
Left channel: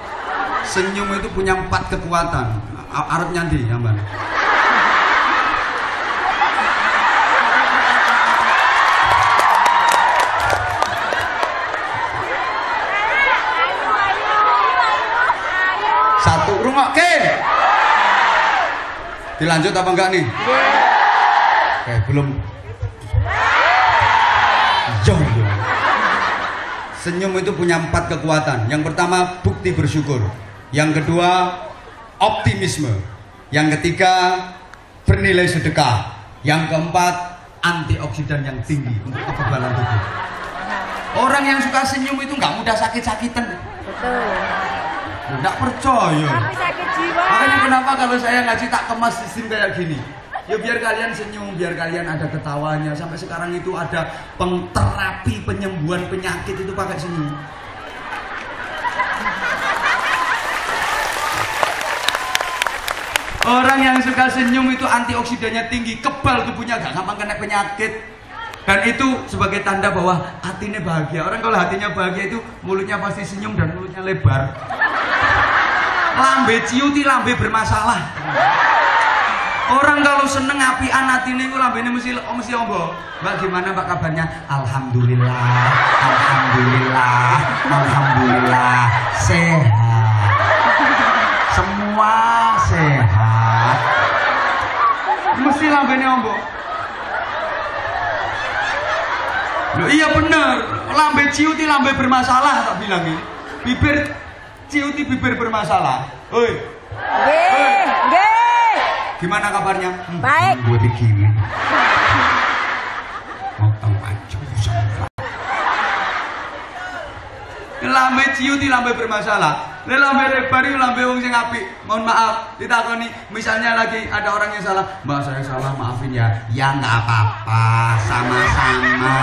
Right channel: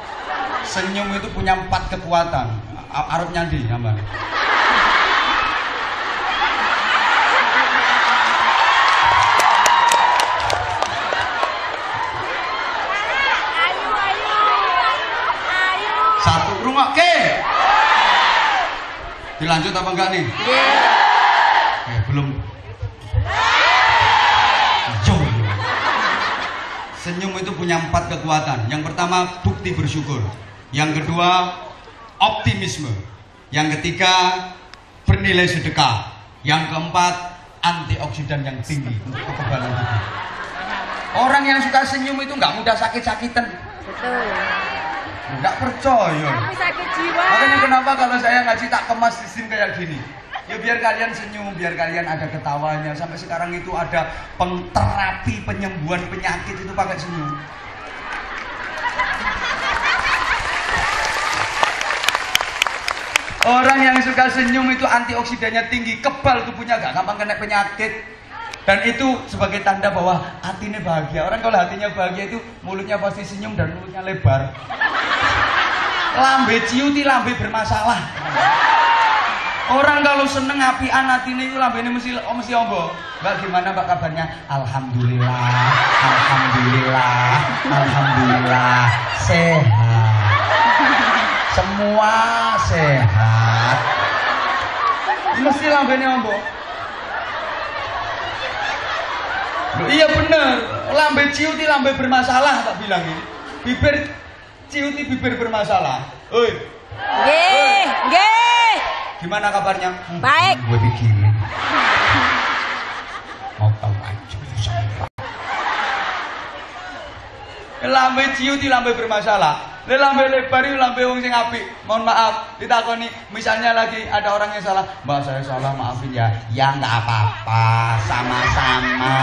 Senyum itu punya 4 kekuatan. Arep nyandi sampean. Satu rungokke. Dilanjut apa enggak nih? Belum. Senyum itu punya 4 kekuatan. Yang pertama, bukti bersyukur. Yang kedua, optimisme. Yang ketiga, bernilai sedekah. Yang keempat, antioksidan yang tinggi untuk kekebalan tubuh. Orang yang suka senyum itu nggak mudah sakit-sakitan. Betul. Enggak percaya. Sakit jiwa. Makanya kenapa kalau saya ngaji tak kemas sistem kayak gini? Ya biar kalian senyum, biar kalian ada ketawanya. Sampai sekarang itu ada terapi penyembuhan penyakit itu pakai senyum. Orang yang suka senyum itu antioksidannya tinggi, kebal tubuhnya, gak gampang kena penyakit. Dan itu sebagai tanda bahwa hatinya bahagia. Orang kalau hatinya bahagia itu mulutnya pasti senyum dan mulutnya lebar. Lambe ciuti lambe bermasalah. Orang kalau seneng apian hatinya itu lambene mesti ombo. Mbak gimana mbak kabarnya? Alhamdulillah, alhamdulillah, alhamdulillah sehat. Semua sehat. Mesti lambene ombo. Loh, iya bener, lambe ciuti lambe bermasalah tak bilang ini. Bibir ciuti bibir bermasalah. Oi. Nggih. Gimana kabarnya? Baik. Gue begini. Mau tahu aja sama. Lambe ciuti lambe bermasalah. Lambe rebari lambe wong sing apik. Mohon maaf, ditakoni misalnya lagi ada orang yang salah, "Mbak saya salah, maafin ya." Ya enggak apa-apa, sama-sama.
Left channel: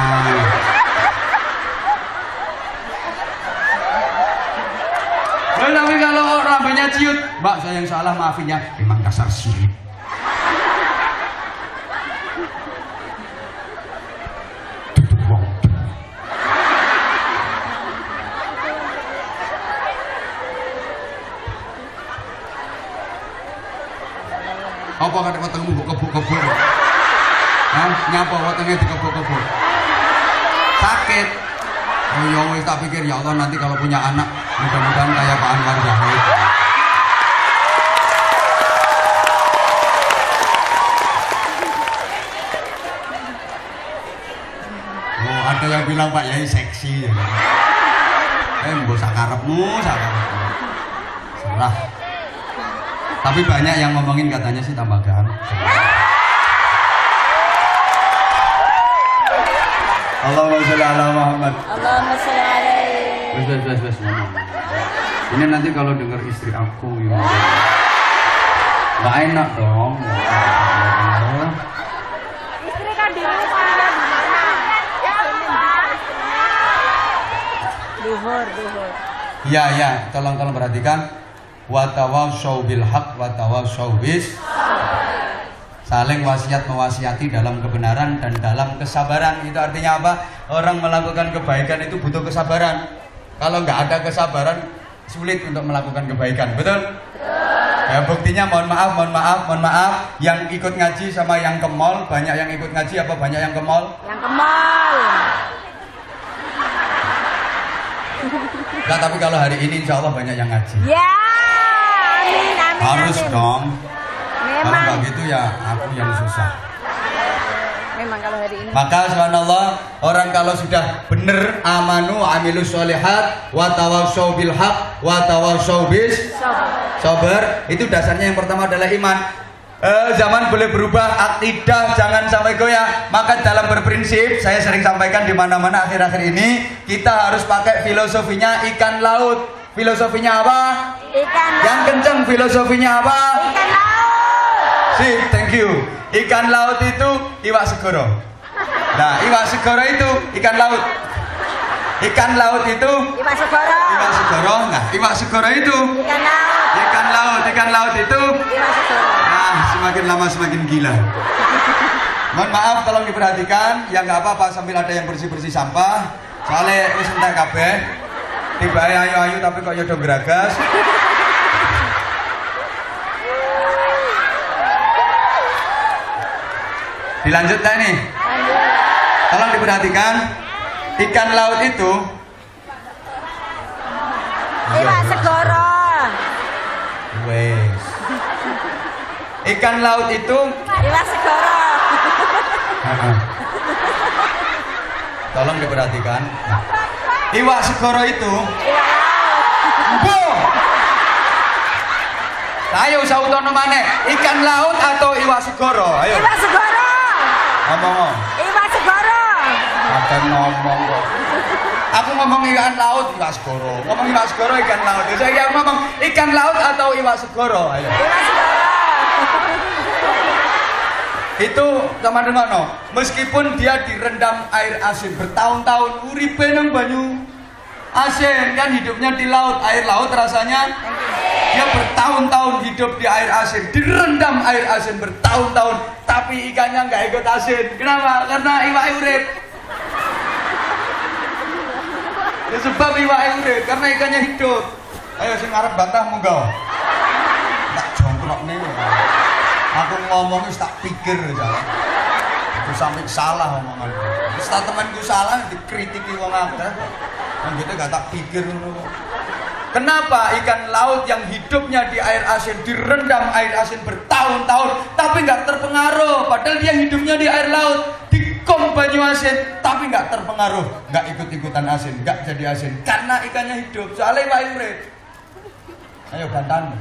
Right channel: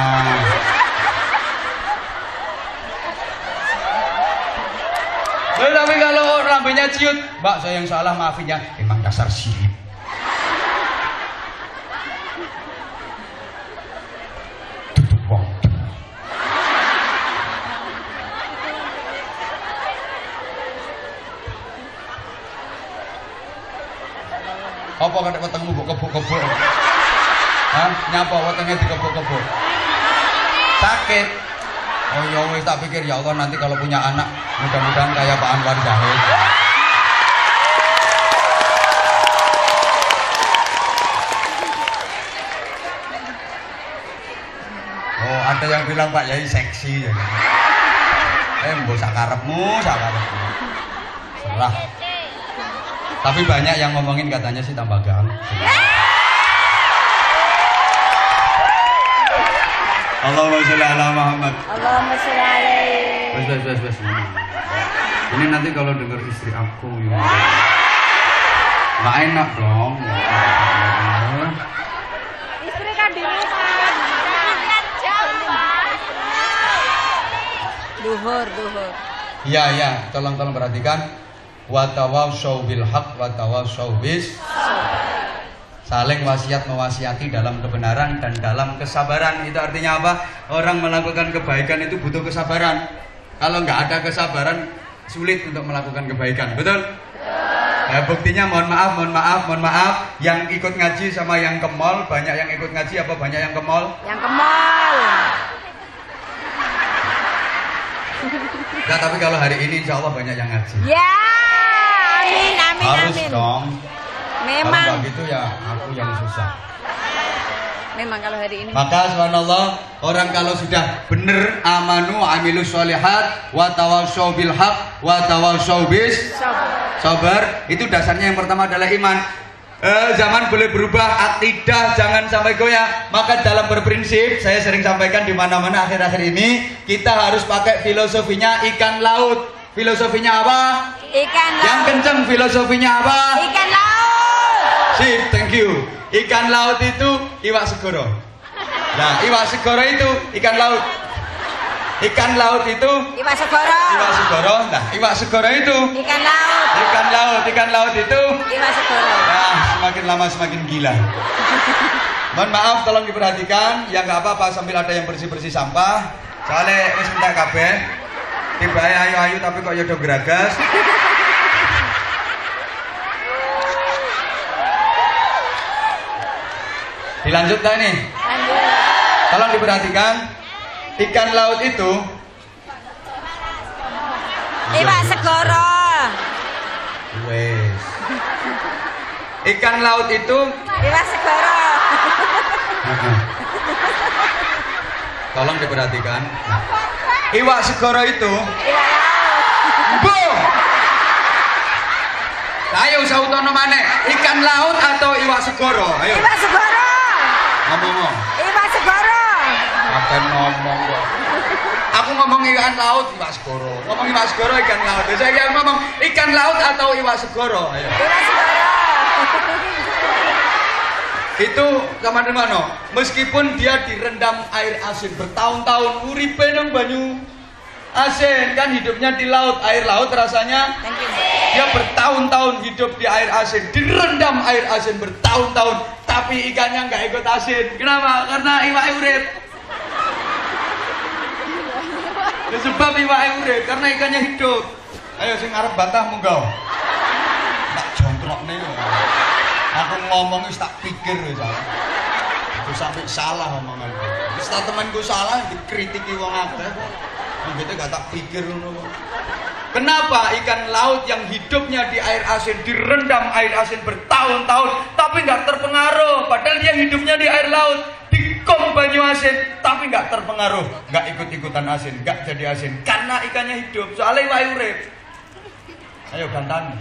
Tapi kalau lambenya ciut, "Mbak saya yang salah, maafin ya." Emang dasar sirik. Tutup wong. Apa kata ketemu mbok kebuk-kebuk? Hah? Nyapa wetenge dikebuk-kebuk? Sakit. Oh ya wis tak pikir ya Allah nanti kalau punya anak mudah-mudahan kayak Pak Anwar Zahid. Oh ada yang bilang Pak Yai seksi ya. Mbok sakarepmu. Salah. Tapi banyak yang ngomongin katanya sih tambah ganteng. Allahumma sholli ala Muhammad. Allahumma sholli alaihi. Wes. Ini nanti kalau dengar istri aku ya. Nggak enak dong. Istri kan di rumah. Duhur. Iya, tolong perhatikan. Wa tawassaw bil haq wa tawassaw bis. Saling wasiat mewasiati dalam kebenaran dan dalam kesabaran. Itu artinya apa? Orang melakukan kebaikan itu butuh kesabaran. Kalau nggak ada kesabaran, sulit untuk melakukan kebaikan. Betul? Ya, buktinya mohon maaf. Yang ikut ngaji sama yang ke mall, banyak yang ikut ngaji apa banyak yang ke mall? Yang ke mall. Enggak, tapi kalau hari ini insya Allah banyak yang ngaji. Ya, amin. Harus dong. Memang. Kalau nggak gitu ya aku yang susah. Memang kalau hari ini. Maka subhanallah, orang kalau sudah benar amanu amilus sholihat wa tawassaw bil haq wa tawassaw bis sabar, itu dasarnya yang pertama adalah iman. Zaman boleh berubah, akidah jangan sampai goyah. Maka dalam berprinsip, saya sering sampaikan di mana-mana akhir-akhir ini, kita harus pakai filosofinya ikan laut. Filosofinya apa? Ikan laut. Yang kenceng filosofinya apa? Ikan laut. Sip, thank you. Ikan laut itu iwak segoro. Nah, iwak segoro itu ikan laut. Ikan laut itu Iwak segoro. iwak segoro. Nah, iwak segoro itu Ikan laut. Ikan laut itu Iwak segoro. nah, semakin lama semakin gila. Mohon maaf, tolong diperhatikan. Ya nggak apa-apa sambil ada yang bersih-bersih sampah. Soalnya wis entek kabeh. Tiba ayu-ayu tapi kok ya do geragas. Dilanjut tak ini? Lanjut. Tolong diperhatikan. Ikan laut itu Iwak segoro. wes. Ikan laut itu Iwak segoro. tolong diperhatikan. Iwak segoro itu Iwak laut. Bu. Ayo sautono maneh. Ikan laut atau iwak segoro? Ayo. Iwak segoro. Ngomong. Iwak segoro. Akan ngomong kok. Aku ngomong ikan laut, iwak segoro. Ngomong iwak segoro, ikan laut. Saya ngomong ikan laut atau iwak segoro. Ayo. Iwak segoro. Itu teman-teman, no. Meskipun dia direndam air asin bertahun-tahun, uripe nang banyu asin kan hidupnya di laut, air laut rasanya. Dia bertahun-tahun hidup di air asin, direndam air asin bertahun-tahun, tapi ikannya nggak ikut asin. Kenapa? Karena iwak urip. Ya sebab iwak urip, karena ikannya hidup. Ayo sing arep bantah monggo. Tak jongkrok nih. Aku ngomongnya tak pikir ya. Aku sampai salah omongan. Setelah temanku salah dikritiki wong akeh. Kan gitu gak tak pikir ngono. Kenapa ikan laut yang hidupnya di air asin, direndam air asin bertahun-tahun tapi nggak terpengaruh, padahal dia hidupnya di air laut, dikom banyu asin tapi nggak terpengaruh, nggak ikut-ikutan asin, nggak jadi asin karena ikannya hidup, soalnya iwak urip. Ayo gantang.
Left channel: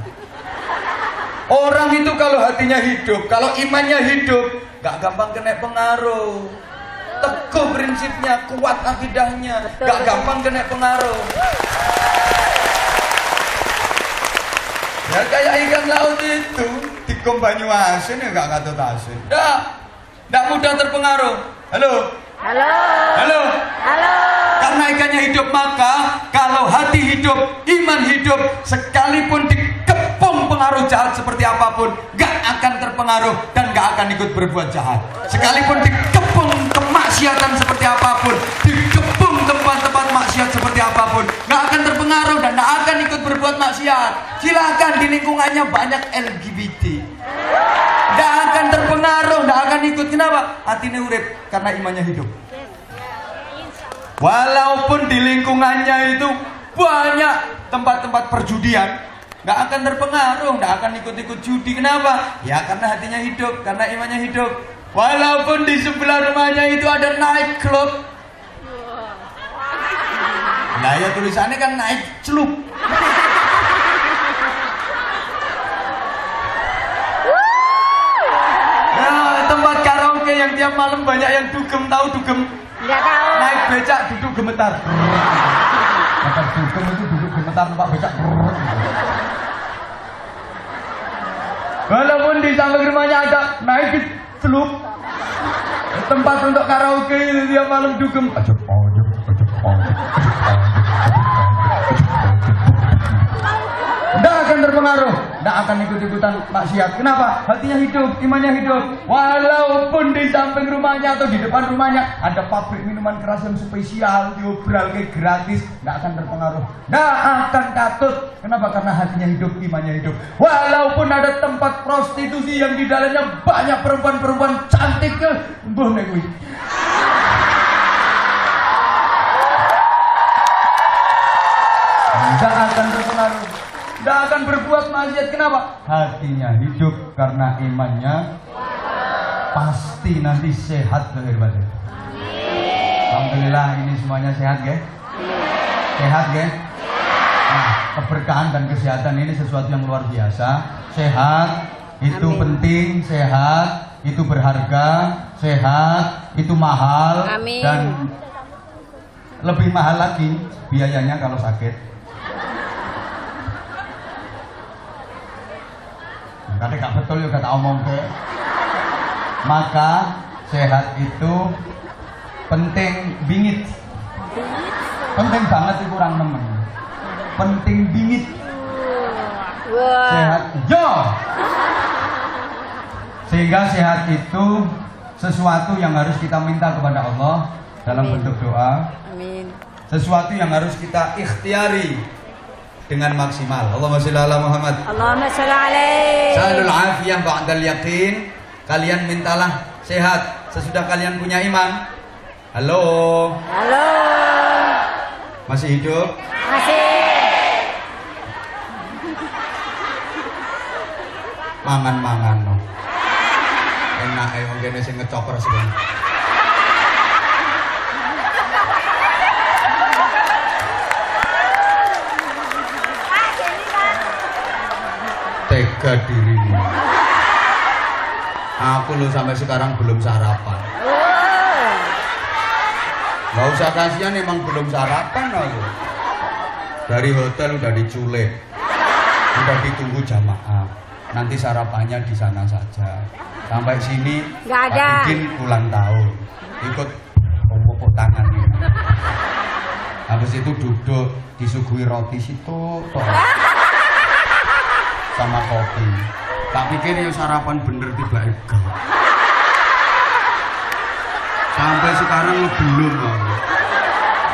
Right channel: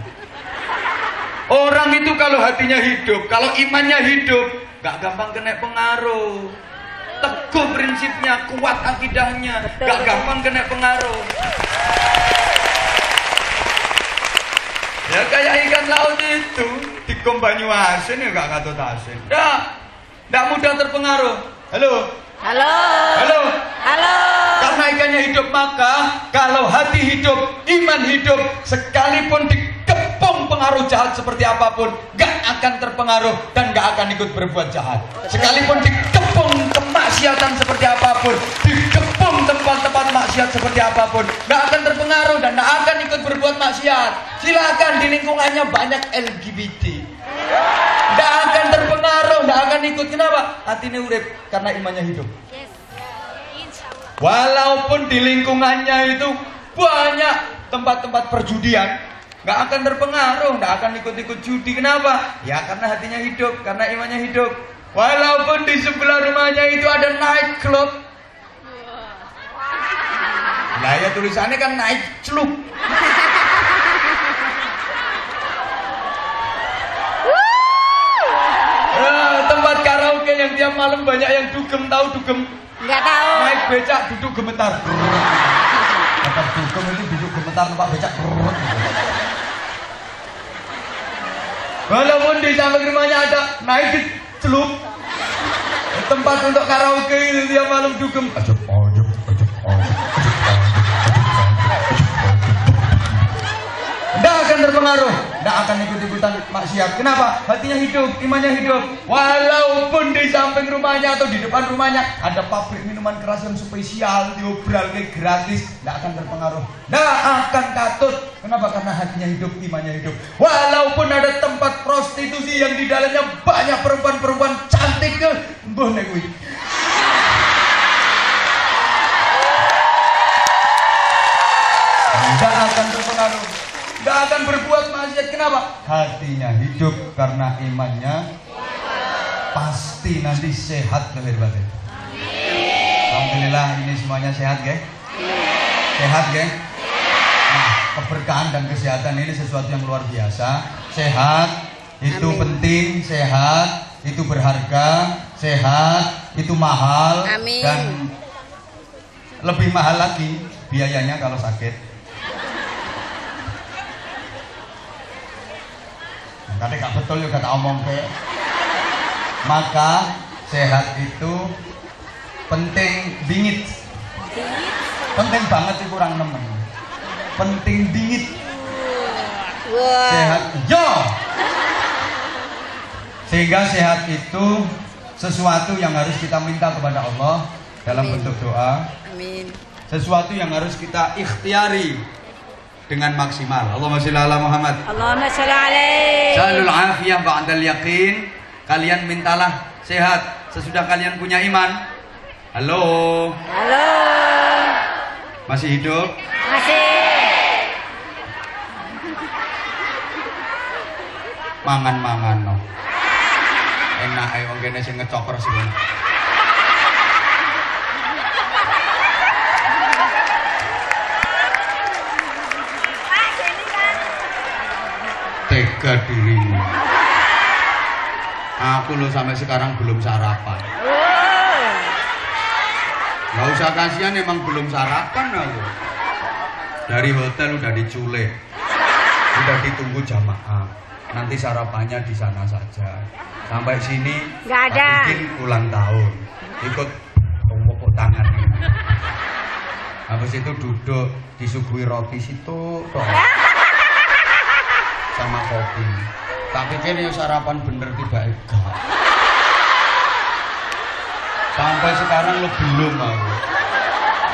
Orang itu kalau hatinya hidup, kalau imannya hidup, nggak gampang kena pengaruh. Teguh prinsipnya, kuat akidahnya, nggak gampang kena pengaruh. Ya kayak ikan laut itu dikom banyu asin ya nggak katut asin. Ya, nggak mudah terpengaruh. Halo. Halo. Halo. Halo. Karena ikannya hidup, maka kalau hati hidup, iman hidup, sekalipun dikepung pengaruh jahat seperti apapun, nggak akan terpengaruh dan nggak akan ikut berbuat jahat. Sekalipun dikepung kemaksiatan seperti apapun, dikepung tempat-tempat maksiat seperti apapun, nggak akan terpengaruh dan nggak akan ikut berbuat maksiat. Silakan di lingkungannya banyak LGBT, nggak akan terpengaruh, nggak akan ikut. Kenapa? Hatinya urip karena imannya hidup. Walaupun di lingkungannya itu banyak tempat-tempat perjudian, nggak akan terpengaruh, nggak akan ikut-ikut judi. Kenapa? Ya karena hatinya hidup, karena imannya hidup. Walaupun di sebelah rumahnya itu ada night club, nah ya tulisannya kan night club. Ya, tempat karaoke yang tiap malam banyak yang dugem, tahu dugem? Enggak tahu. Naik becak duduk gemetar. Tempat dugem itu duduk gemetar, tempat becak. Walaupun di samping rumahnya ada naik celup, tempat untuk karaoke itu tiap malam dugem. Ajak. Tidak akan terpengaruh, tidak akan ikut-ikutan maksiat. Kenapa? Hatinya hidup, imannya hidup. Walaupun di samping rumahnya atau di depan rumahnya ada pabrik minuman keras yang spesial, diobral kayak gratis, tidak akan terpengaruh, tidak akan katut. Kenapa? Karena hatinya hidup, imannya hidup. Walaupun ada tempat prostitusi yang di dalamnya banyak perempuan-perempuan cantik, mbah nek kuwi. Tidak akan terpengaruh, tidak akan berbuat maksiat. Kenapa? Hatinya hidup karena imannya pasti nanti sehat lahir batin. Alhamdulillah ini semuanya sehat, guys. Sehat, guys. Nah, keberkahan dan kesehatan ini sesuatu yang luar biasa. Sehat itu Amin. Penting, sehat itu berharga, sehat itu mahal. Amin. Dan lebih mahal lagi biayanya kalau sakit. Kadang gak betul ya kata omong ke. Maka sehat itu penting bingit. Penting banget sih kurang nemen. Penting bingit. Sehat yo. Sehingga sehat itu sesuatu yang harus kita minta kepada Allah dalam bentuk doa. Amin. Sesuatu yang harus kita ikhtiari dengan maksimal. Allahumma sholli ala Muhammad. Allahumma sholli alaihi. Salul afiyah ba'dal yaqin. Kalian mintalah sehat sesudah kalian punya iman. Halo. Halo. Masih hidup? Masih. Mangan-mangan no. Enak ae wong kene sing ngecoper sing. Tega dirimu. Aku lo sampai sekarang belum sarapan. Gak usah kasihan, emang belum sarapan aku. Dari hotel udah diculik, udah ditunggu jamaah. Nanti sarapannya di sana saja. Sampai sini nggak ada. Bikin ulang tahun, ikut pokok tangan. Habis itu duduk disuguhi roti situ sama kopi. Tak pikir ya sarapan bener tiba-tiba. Sampai sekarang lo belum aku.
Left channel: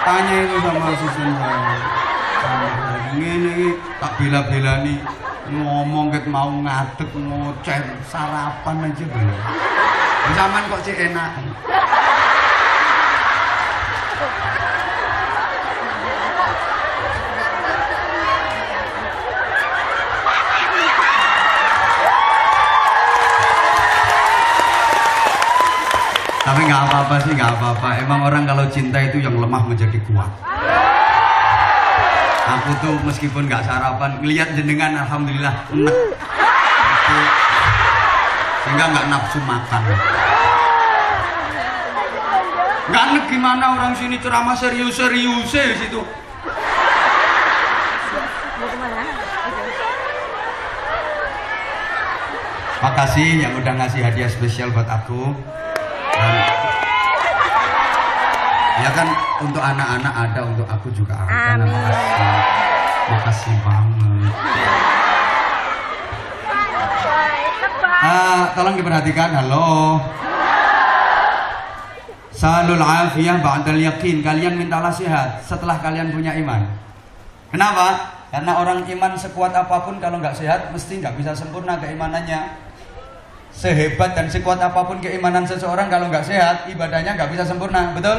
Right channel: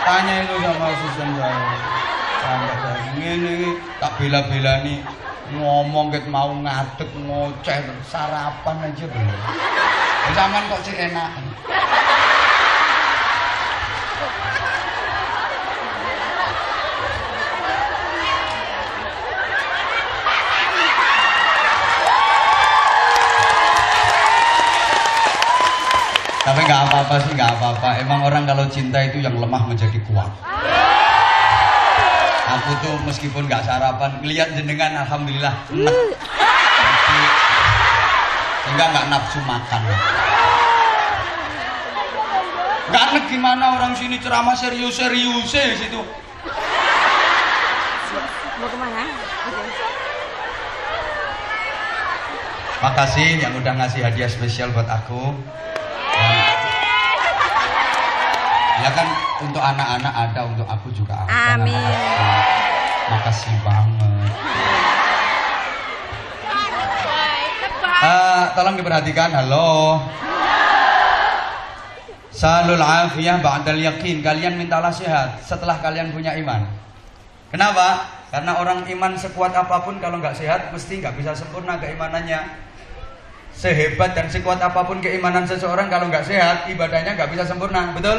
Tanya itu sama asisten saya. Ini tak bela-bela nih ngomong kayak mau ngadeg ngoceh sarapan aja dulu. Zaman kok cek enak. Tapi nggak apa-apa sih, nggak apa-apa. Emang orang kalau cinta itu yang lemah menjadi kuat. Aku tuh meskipun nggak sarapan, lihat jenengan alhamdulillah enak. Sehingga nggak nafsu makan. Nggak nih gimana orang sini ceramah serius-serius di situ. Makasih yang udah ngasih hadiah spesial buat aku. Ya kan untuk anak-anak ada, untuk aku juga ada. Amin. Makasih banget. Tolong diperhatikan. Halo. Salul afiyah ba'dal yakin. Kalian mintalah sehat setelah kalian punya iman. Kenapa? Karena orang iman sekuat apapun kalau nggak sehat mesti nggak bisa sempurna keimanannya. Sehebat dan sekuat apapun keimanan seseorang kalau nggak sehat, ibadahnya nggak bisa sempurna, betul?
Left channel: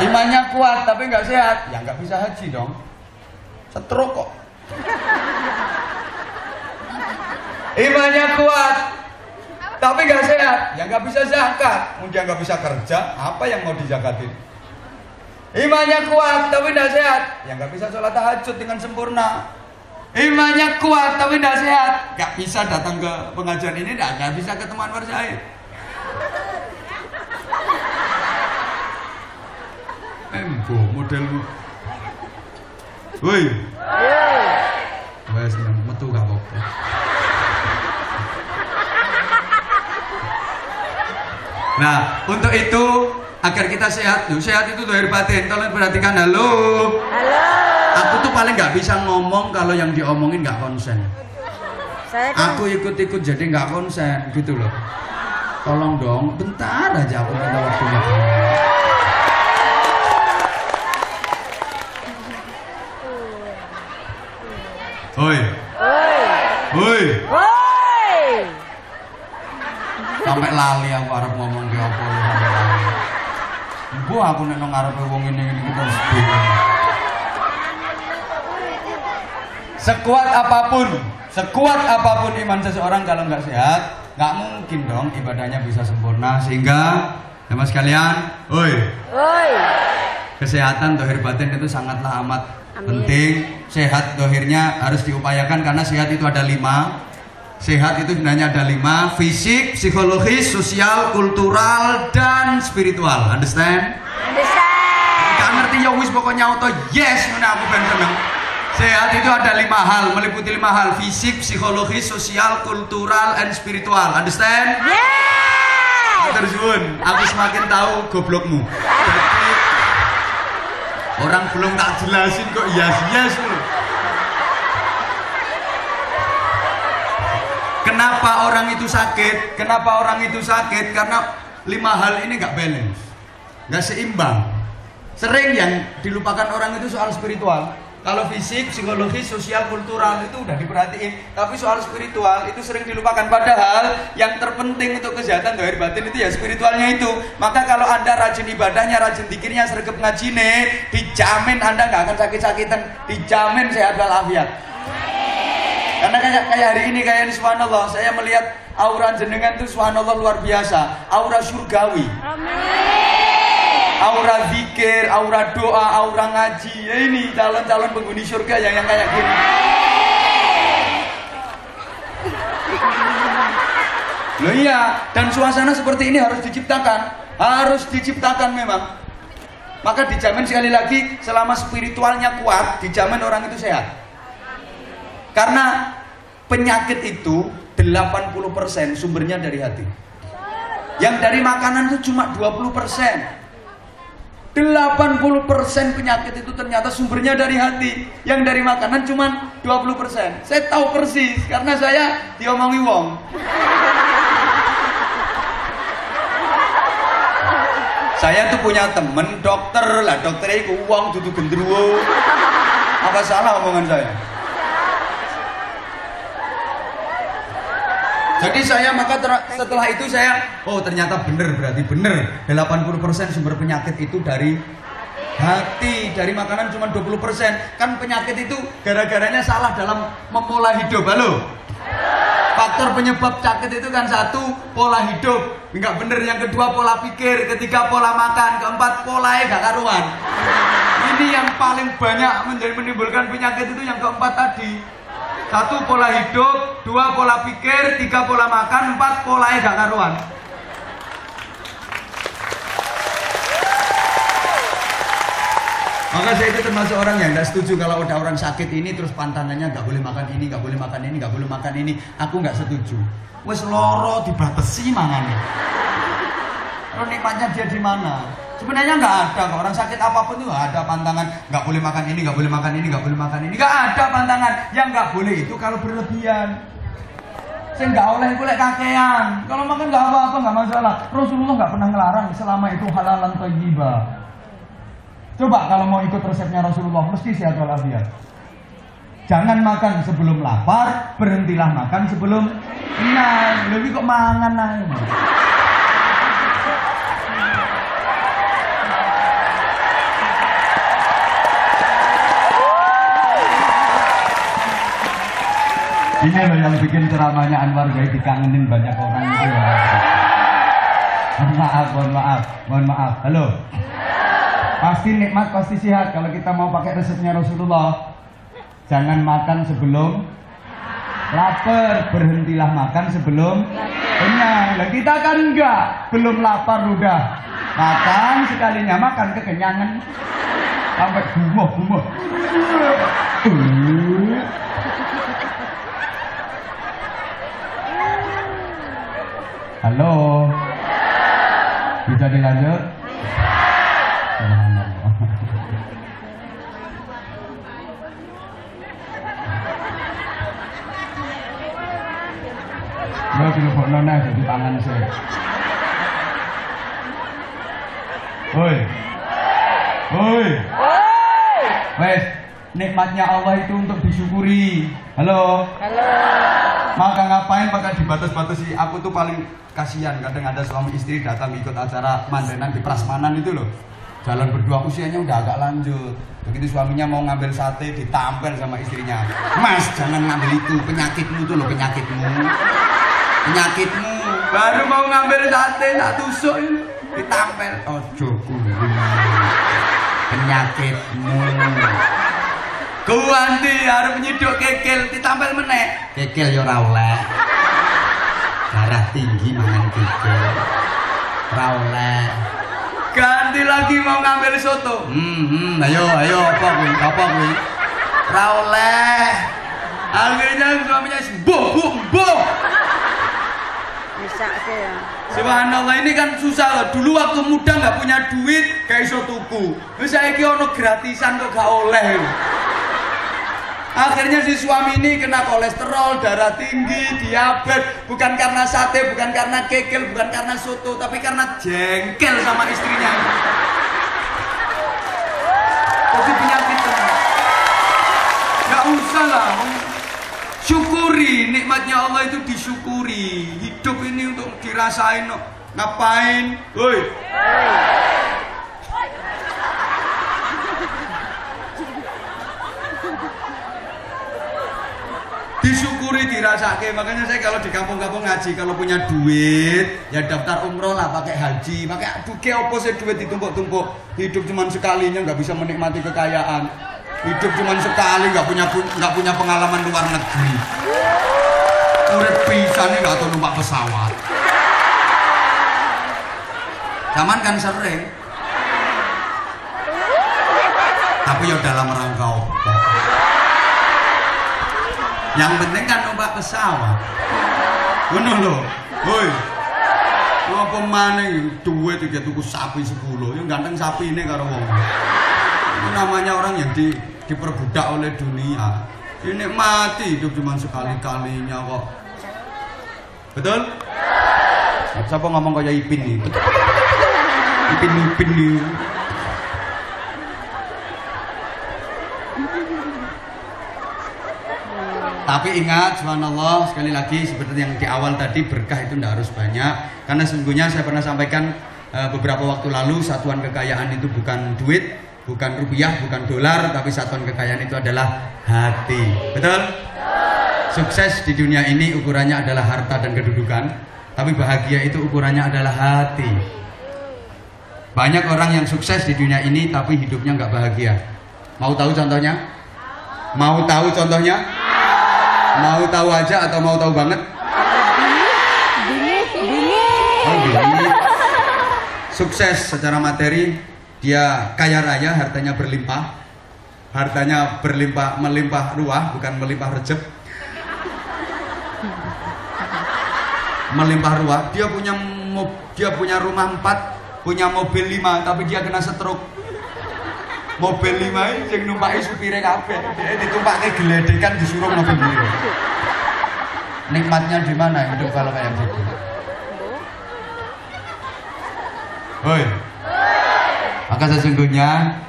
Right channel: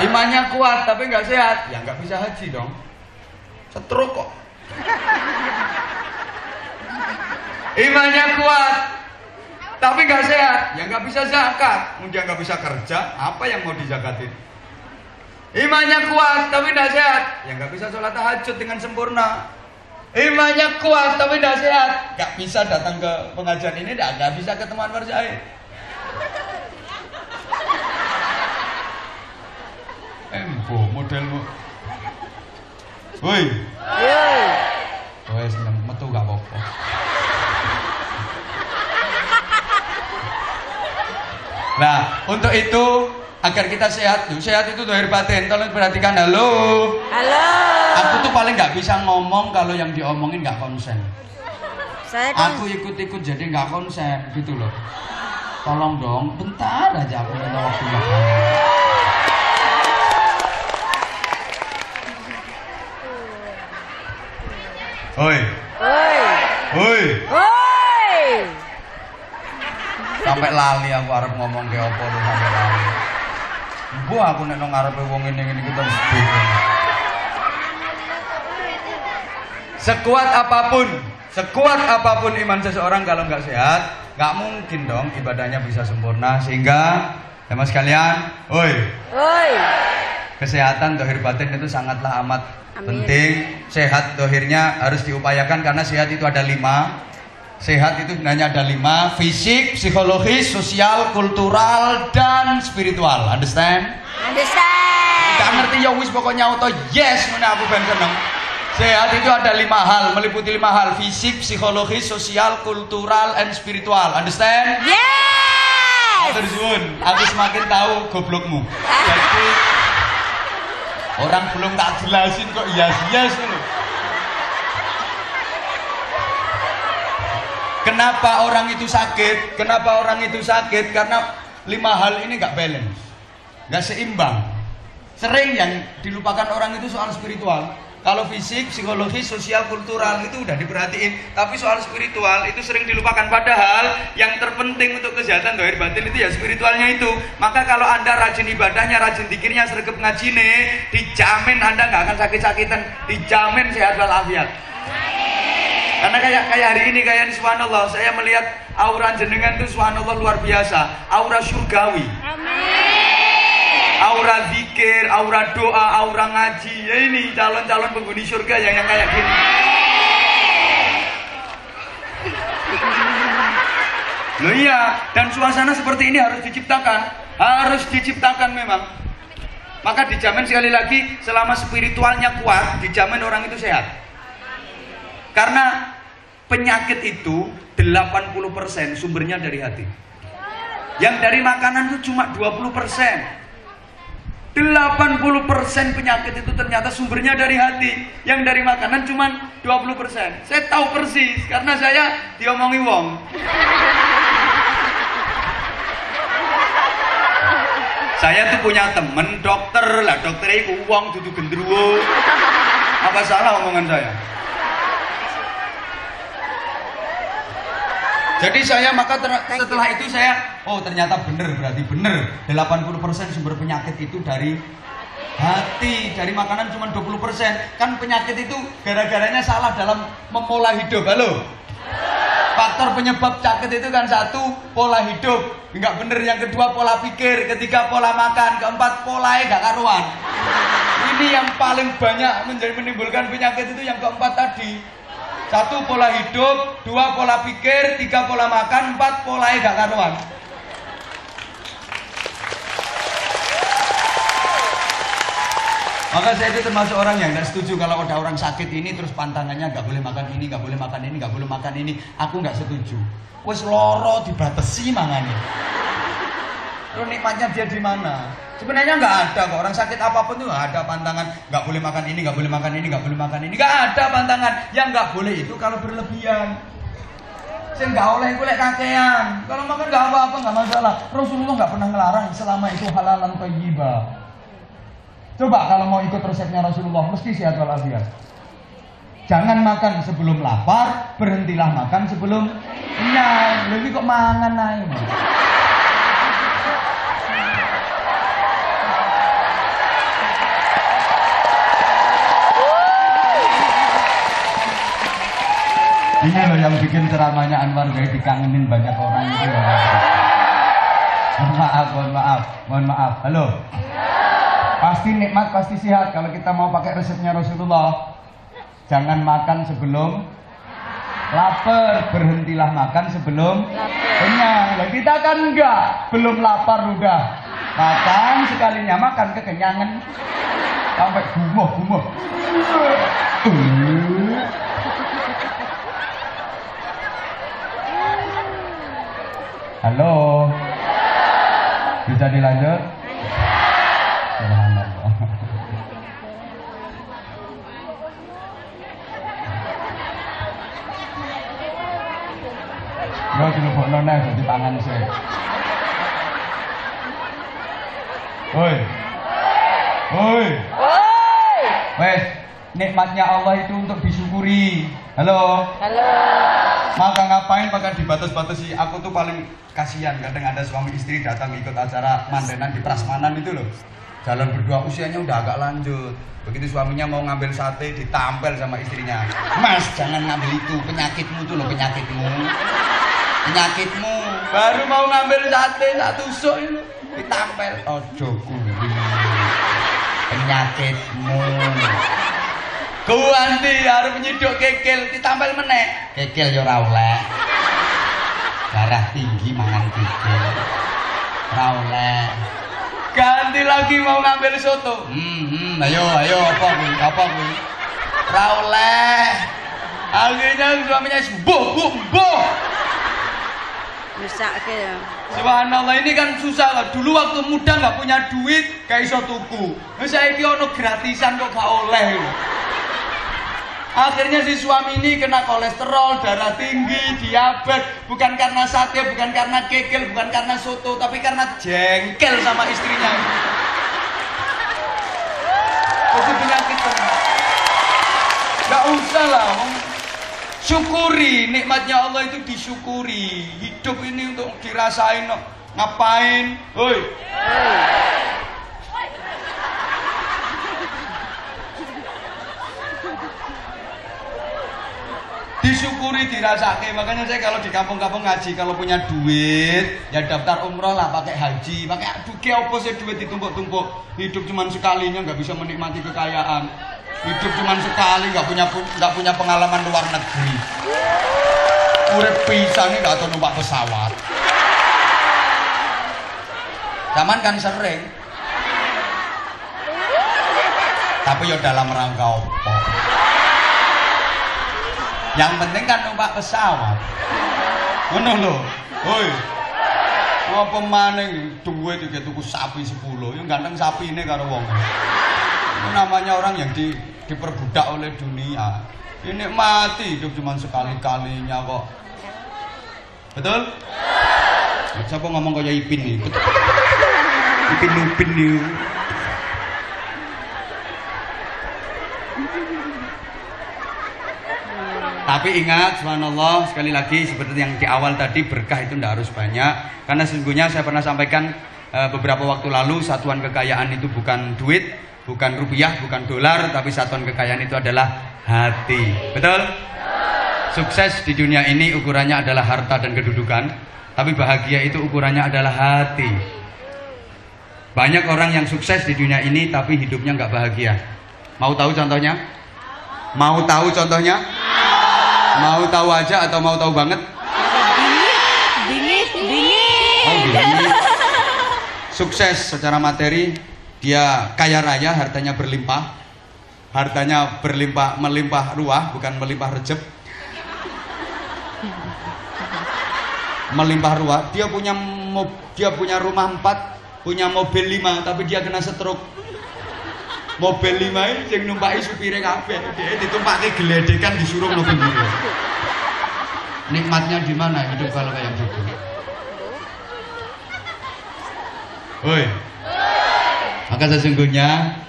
Imannya kuat tapi nggak sehat, ya nggak bisa haji dong. Setruk kok. Imannya kuat tapi nggak sehat, ya nggak bisa zakat. Dia nggak bisa kerja, apa yang mau dizakatin? Imannya kuat tapi nggak sehat, ya nggak bisa sholat tahajud dengan sempurna. Imannya kuat tapi tidak sehat, gak bisa datang ke pengajian ini, gak bisa ketemu Anwar Zahid. Embo modelmu. Woi. Woi, seneng metu gak apa-apa. Nah, untuk itu agar kita sehat tuh, sehat itu lahir batin. Kalau perhatikan, halo. Aku tuh paling nggak bisa ngomong kalau yang diomongin nggak konsen. Aku ikut-ikut jadi nggak konsen gitu loh. Tolong dong, bentar aja aku minta waktunya. Oi. Sampai lali aku arep ngomong ke apa nih sampai lali. Bu aku nek nang ngarepe wong ini kita bingung. Sekuat apapun iman seseorang kalau nggak sehat, nggak mungkin dong ibadahnya bisa sempurna. Sehingga, teman sekalian, kesehatan dohir batin itu sangatlah amat penting. Sehat dohirnya harus diupayakan karena sehat itu ada 5. Sehat itu sebenarnya ada 5: fisik, psikologis, sosial, kultural, dan spiritual. Understand? Gak ngerti ya wis pokoknya auto yes mana aku ben seneng. Sehat itu ada 5 hal, meliputi 5 hal: fisik, psikologis, sosial, kultural, and spiritual. Understand? Yes. Terus aku semakin tahu goblokmu. Jadi orang belum tak jelasin kok yes tuh. Kenapa orang itu sakit? Karena 5 hal ini nggak balance, nggak seimbang. Sering yang dilupakan orang itu soal spiritual. Kalau fisik, psikologis, sosial, kultural itu udah diperhatiin, tapi soal spiritual itu sering dilupakan. Padahal yang terpenting untuk kesehatan dohir batin itu ya spiritualnya itu. Maka kalau Anda rajin ibadahnya, rajin zikirnya, sregep ngajine, dijamin Anda nggak akan sakit-sakitan, dijamin sehat walafiat. Karena kayak hari ini, kayak ini subhanallah, saya melihat aura jenengan itu subhanallah luar biasa, aura surgawi. Aura zikir, aura doa, aura ngaji. Ya ini calon-calon penghuni surga yang kayak gini. Nah iya, dan suasana seperti ini harus diciptakan memang. Maka dijamin sekali lagi, selama spiritualnya kuat, dijamin orang itu sehat. Karena penyakit itu 80% sumbernya dari hati. Yang dari makanan itu cuma 20%. 80% penyakit itu ternyata sumbernya dari hati. Yang dari makanan cuma 20%. Saya tahu persis karena saya diomongi wong. Saya tuh punya temen dokter lah, dokternya itu wong dudu gendruwo. Apa salah omongan saya? Jadi saya setelah itu saya, oh ternyata bener, berarti bener 80% sumber penyakit itu dari hati. Dari makanan cuma 20%. Kan penyakit itu gara-garanya salah dalam memulai hidup. Halo? Faktor penyebab sakit itu kan satu, pola hidup nggak bener, yang kedua pola pikir, ketiga pola makan, keempat pola gak karuan. Ini yang paling banyak menimbulkan penyakit itu yang keempat tadi. Satu pola hidup, dua pola pikir, tiga pola makan, empat pola gak karuan. Maka saya itu termasuk orang yang nggak setuju kalau ada orang sakit ini terus pantangannya nggak boleh makan ini, nggak boleh makan ini, nggak boleh makan ini. Aku nggak setuju. Wes loro dibatasi mangannya. Terus nikmatnya dia di mana? Sebenarnya nggak ada kok, orang sakit apapun tuh nggak ada pantangan. Nggak boleh makan ini, nggak boleh makan ini, nggak boleh makan ini. Nggak ada pantangan. Yang nggak boleh itu kalau berlebihan. Saya nggak oleh kulek kakean. Kalau makan nggak apa-apa, nggak masalah. Rasulullah nggak pernah ngelarang selama itu halalan thayyibah. Coba kalau mau ikut resepnya Rasulullah, mesti sehat walafiat. Jangan makan sebelum lapar, berhentilah makan sebelum kenyang. Lebih kok mangan naik. Ini loh yang bikin ceramahnya Anwar jadi dikangenin banyak orang itu. Mohon maaf. Halo. Pasti nikmat, pasti sehat kalau kita mau pakai resepnya Rasulullah. Jangan makan sebelum lapar, berhentilah makan sebelum kenyang. Nah, kita kan enggak, belum lapar udah makan, sekalinya makan kekenyangan sampai gumoh. Halo, bisa dilanjut? Lo telepon nona di tangan saya. Oi. Wes, nikmatnya Allah itu untuk disyukuri. Halo. Maka ngapain pakai dibatas-batasi? Aku tuh paling kasihan kadang ada suami istri datang ikut acara mantenan di prasmanan itu loh. Jalan berdua, usianya udah agak lanjut. Begitu suaminya mau ngambil sate, ditampel sama istrinya. Mas, jangan ngambil itu, penyakitmu tuh loh, penyakitmu. Baru mau ngambil sate, tak tusuk ini, ditampel. Ojo kuwi, penyakitmu. Ganti harus menyedok kekel, ditampel meneh. Kekel yo ora oleh. Darah tinggi mangan kekel. Ora oleh. Ganti lagi mau ngambil soto. Ayo apa kuwi? Ora oleh. Akhirnya suaminya mbuh. Bisa ya. Subhanallah, ini kan susah lah. Dulu waktu muda nggak punya duit, gak iso tuku. Saya kira ono gratisan kok gak oleh. Akhirnya si suami ini kena kolesterol, darah tinggi, diabetes. Bukan karena sate, bukan karena kekel, bukan karena soto, tapi karena jengkel sama istrinya. Itu penyakitnya. Gak usah lah. Syukuri, nikmatnya Allah itu disyukuri. Hidup ini untuk dirasain. Ngapain? Woi. Disyukuri, dirasake. Makanya saya kalau di kampung-kampung ngaji, kalau punya duit ya daftar umroh lah, pakai haji, pakai duke opo sih duit ditumpuk-tumpuk. Hidup cuma sekalinya, nggak bisa menikmati kekayaan. Hidup cuma sekali, nggak punya pengalaman luar negeri. Urip pisan nih nggak tahu numpak pesawat. Zaman kan sering. Tapi ya dalam rangka apa? Yang penting kan numpak pesawat. Ngono lho. Woi. Apa maning duit iki tuku sapi 10. Ya ganteng sapine karo wong. Ini namanya orang yang diperbudak oleh dunia. Ini mati hidup cuma sekali-kalinya kok. Betul? Siapa ngomong kayak Ipin nih? Ipin nih. Tapi ingat, subhanallah, sekali lagi seperti yang di awal tadi, berkah itu tidak harus banyak. Karena sesungguhnya saya pernah sampaikan beberapa waktu lalu, satuan kekayaan itu bukan duit, bukan rupiah, bukan dolar, tapi satuan kekayaan itu adalah hati. Betul? Sukses di dunia ini ukurannya adalah harta dan kedudukan, tapi bahagia itu ukurannya adalah hati. Banyak orang yang sukses di dunia ini tapi hidupnya nggak bahagia. Mau tahu contohnya? Mau tahu contohnya? Mau tahu aja atau mau tahu banget? Dingin. Oh, dingin. Sukses secara materi, dia kaya raya, hartanya berlimpah. Hartanya berlimpah, melimpah ruah, bukan melimpah rejek. Melimpah ruah. Dia punya rumah 4, punya mobil 5, tapi dia kena stroke. Mobil 5 sing numpaki supire kabeh. Ditumpake geledekan disuruh mobil itu. Nikmatnya di mana hidup kalau kayak gitu? Woi. Maka sesungguhnya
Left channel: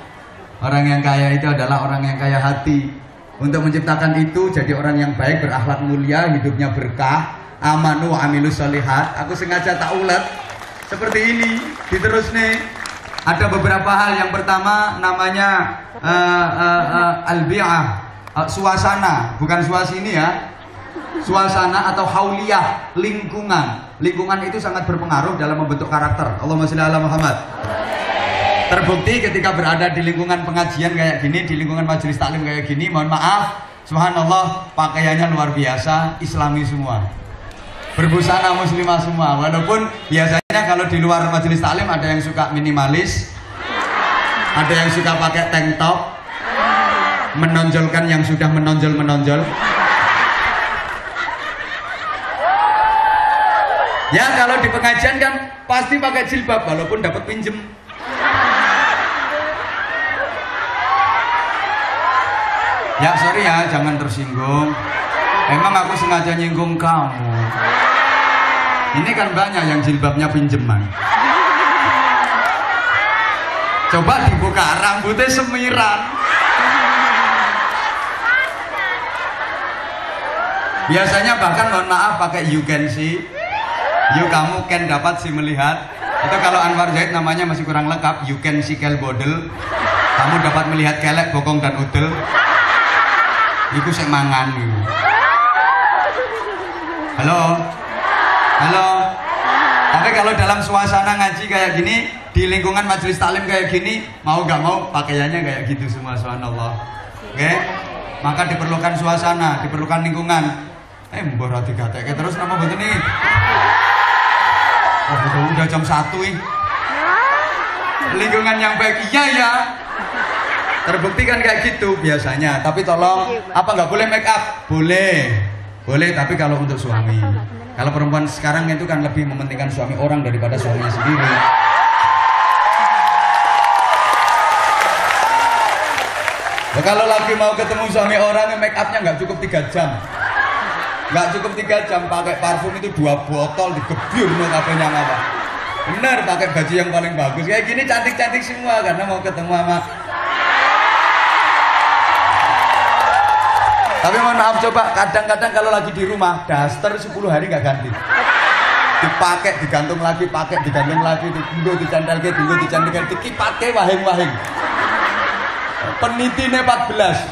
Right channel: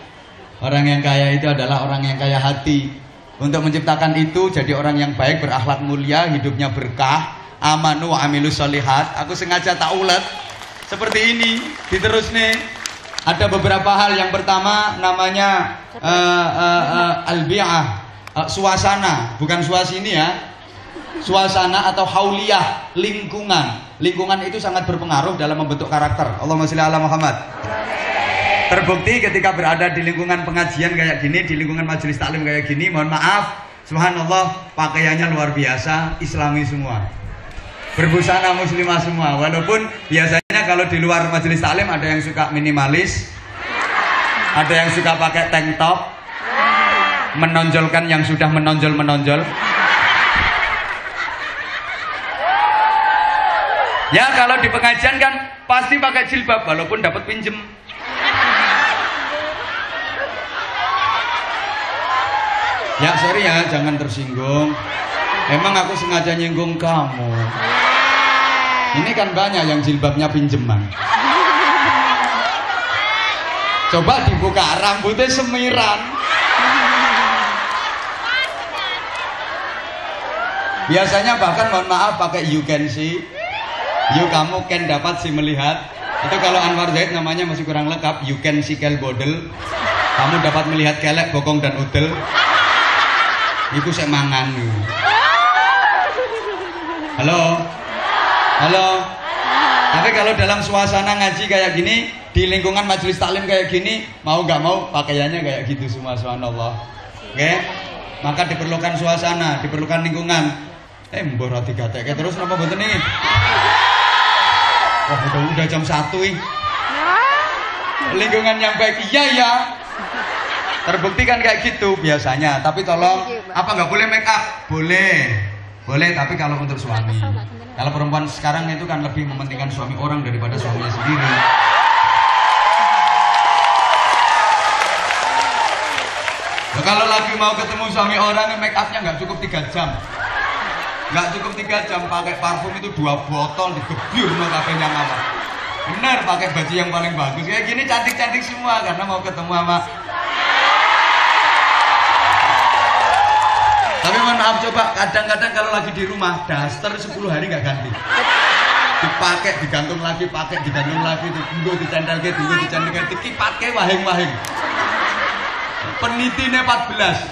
orang yang kaya itu adalah orang yang kaya hati. Untuk menciptakan itu jadi orang yang baik, berakhlak mulia, hidupnya berkah, amanu wa amilus sholihat. Aku sengaja tak ulet seperti ini, diterus nih. Ada beberapa hal. Yang pertama namanya al-bi'ah, suasana, bukan suasini ya. Suasana atau hauliyah, lingkungan. Lingkungan itu sangat berpengaruh dalam membentuk karakter. Allahumma sholli ala Muhammad. Terbukti ketika berada di lingkungan pengajian kayak gini, di lingkungan majelis taklim kayak gini, mohon maaf, subhanallah, pakaiannya luar biasa, islami semua. Berbusana muslimah semua. Walaupun biasanya kalau di luar majelis taklim ada yang suka minimalis, ada yang suka pakai tank top, menonjolkan yang sudah menonjol. Ya kalau di pengajian kan pasti pakai jilbab walaupun dapat pinjem. Ya sorry ya, jangan tersinggung. Memang aku sengaja nyinggung kamu. Ini kan banyak yang jilbabnya pinjeman. Coba dibuka, rambutnya semiran. Biasanya bahkan mohon maaf pakai you can see. You kamu can dapat sih melihat. Itu kalau Anwar Zaid namanya masih kurang lengkap. You can see kel bodel. Kamu dapat melihat kelek, bokong dan udel. Itu semangan. Halo. Tapi kalau dalam suasana ngaji kayak gini, di lingkungan majelis taklim kayak gini, mau gak mau pakaiannya kayak gitu semua, subhanallah. Oke? Maka diperlukan suasana, diperlukan lingkungan. Mbok ra digatekke terus napa mboten ini? Oh, udah jam 1 ini. Lingkungan yang baik, iya ya. Terbukti kan kayak gitu biasanya. Tapi tolong, apa nggak boleh make up? Boleh, tapi kalau untuk suami. Kalau perempuan sekarang itu kan lebih mementingkan suami orang daripada suaminya sendiri. Ya, kalau lagi mau ketemu suami orang, make upnya nggak cukup 3 jam. Nggak cukup 3 jam, pakai parfum itu 2 botol digebyur make upnya apa. Benar, pakai baju yang paling bagus. Kayak gini cantik-cantik semua karena mau ketemu sama. Tapi mohon maaf, coba kadang-kadang kalau lagi di rumah daster 10 hari nggak ganti. Dipakai, digantung lagi, pakai, digantung lagi, dicandal ke, dipakai wahing-wahing. Penitinya 14.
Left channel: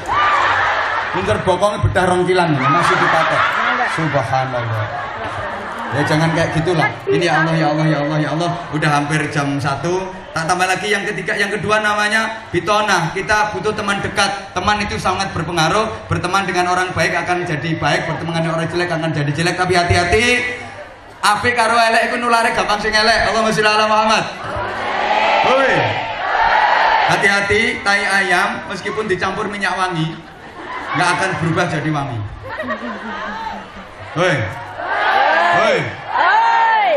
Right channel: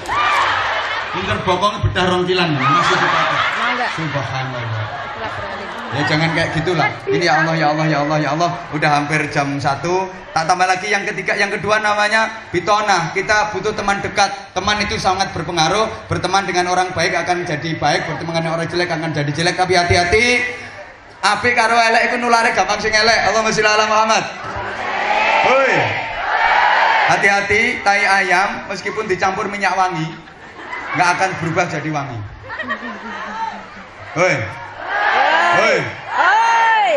Pinter bokong bedah rongkilan masih dipakai. Subhanallah. Ya jangan kayak gitulah. Ini ya Allah, ya Allah, ya Allah, ya Allah. Udah hampir jam 1. Tak tambah lagi yang ketiga, yang kedua namanya bitona. Kita butuh teman dekat. Teman itu sangat berpengaruh. Berteman dengan orang baik akan jadi baik, berteman dengan orang jelek akan jadi jelek. Tapi hati-hati. Apik karo elek iku nulare gampang sing elek. Allahumma sholli ala Muhammad. Hoi. Hati-hati, tai ayam meskipun dicampur minyak wangi nggak akan berubah jadi wangi. Woi, woi,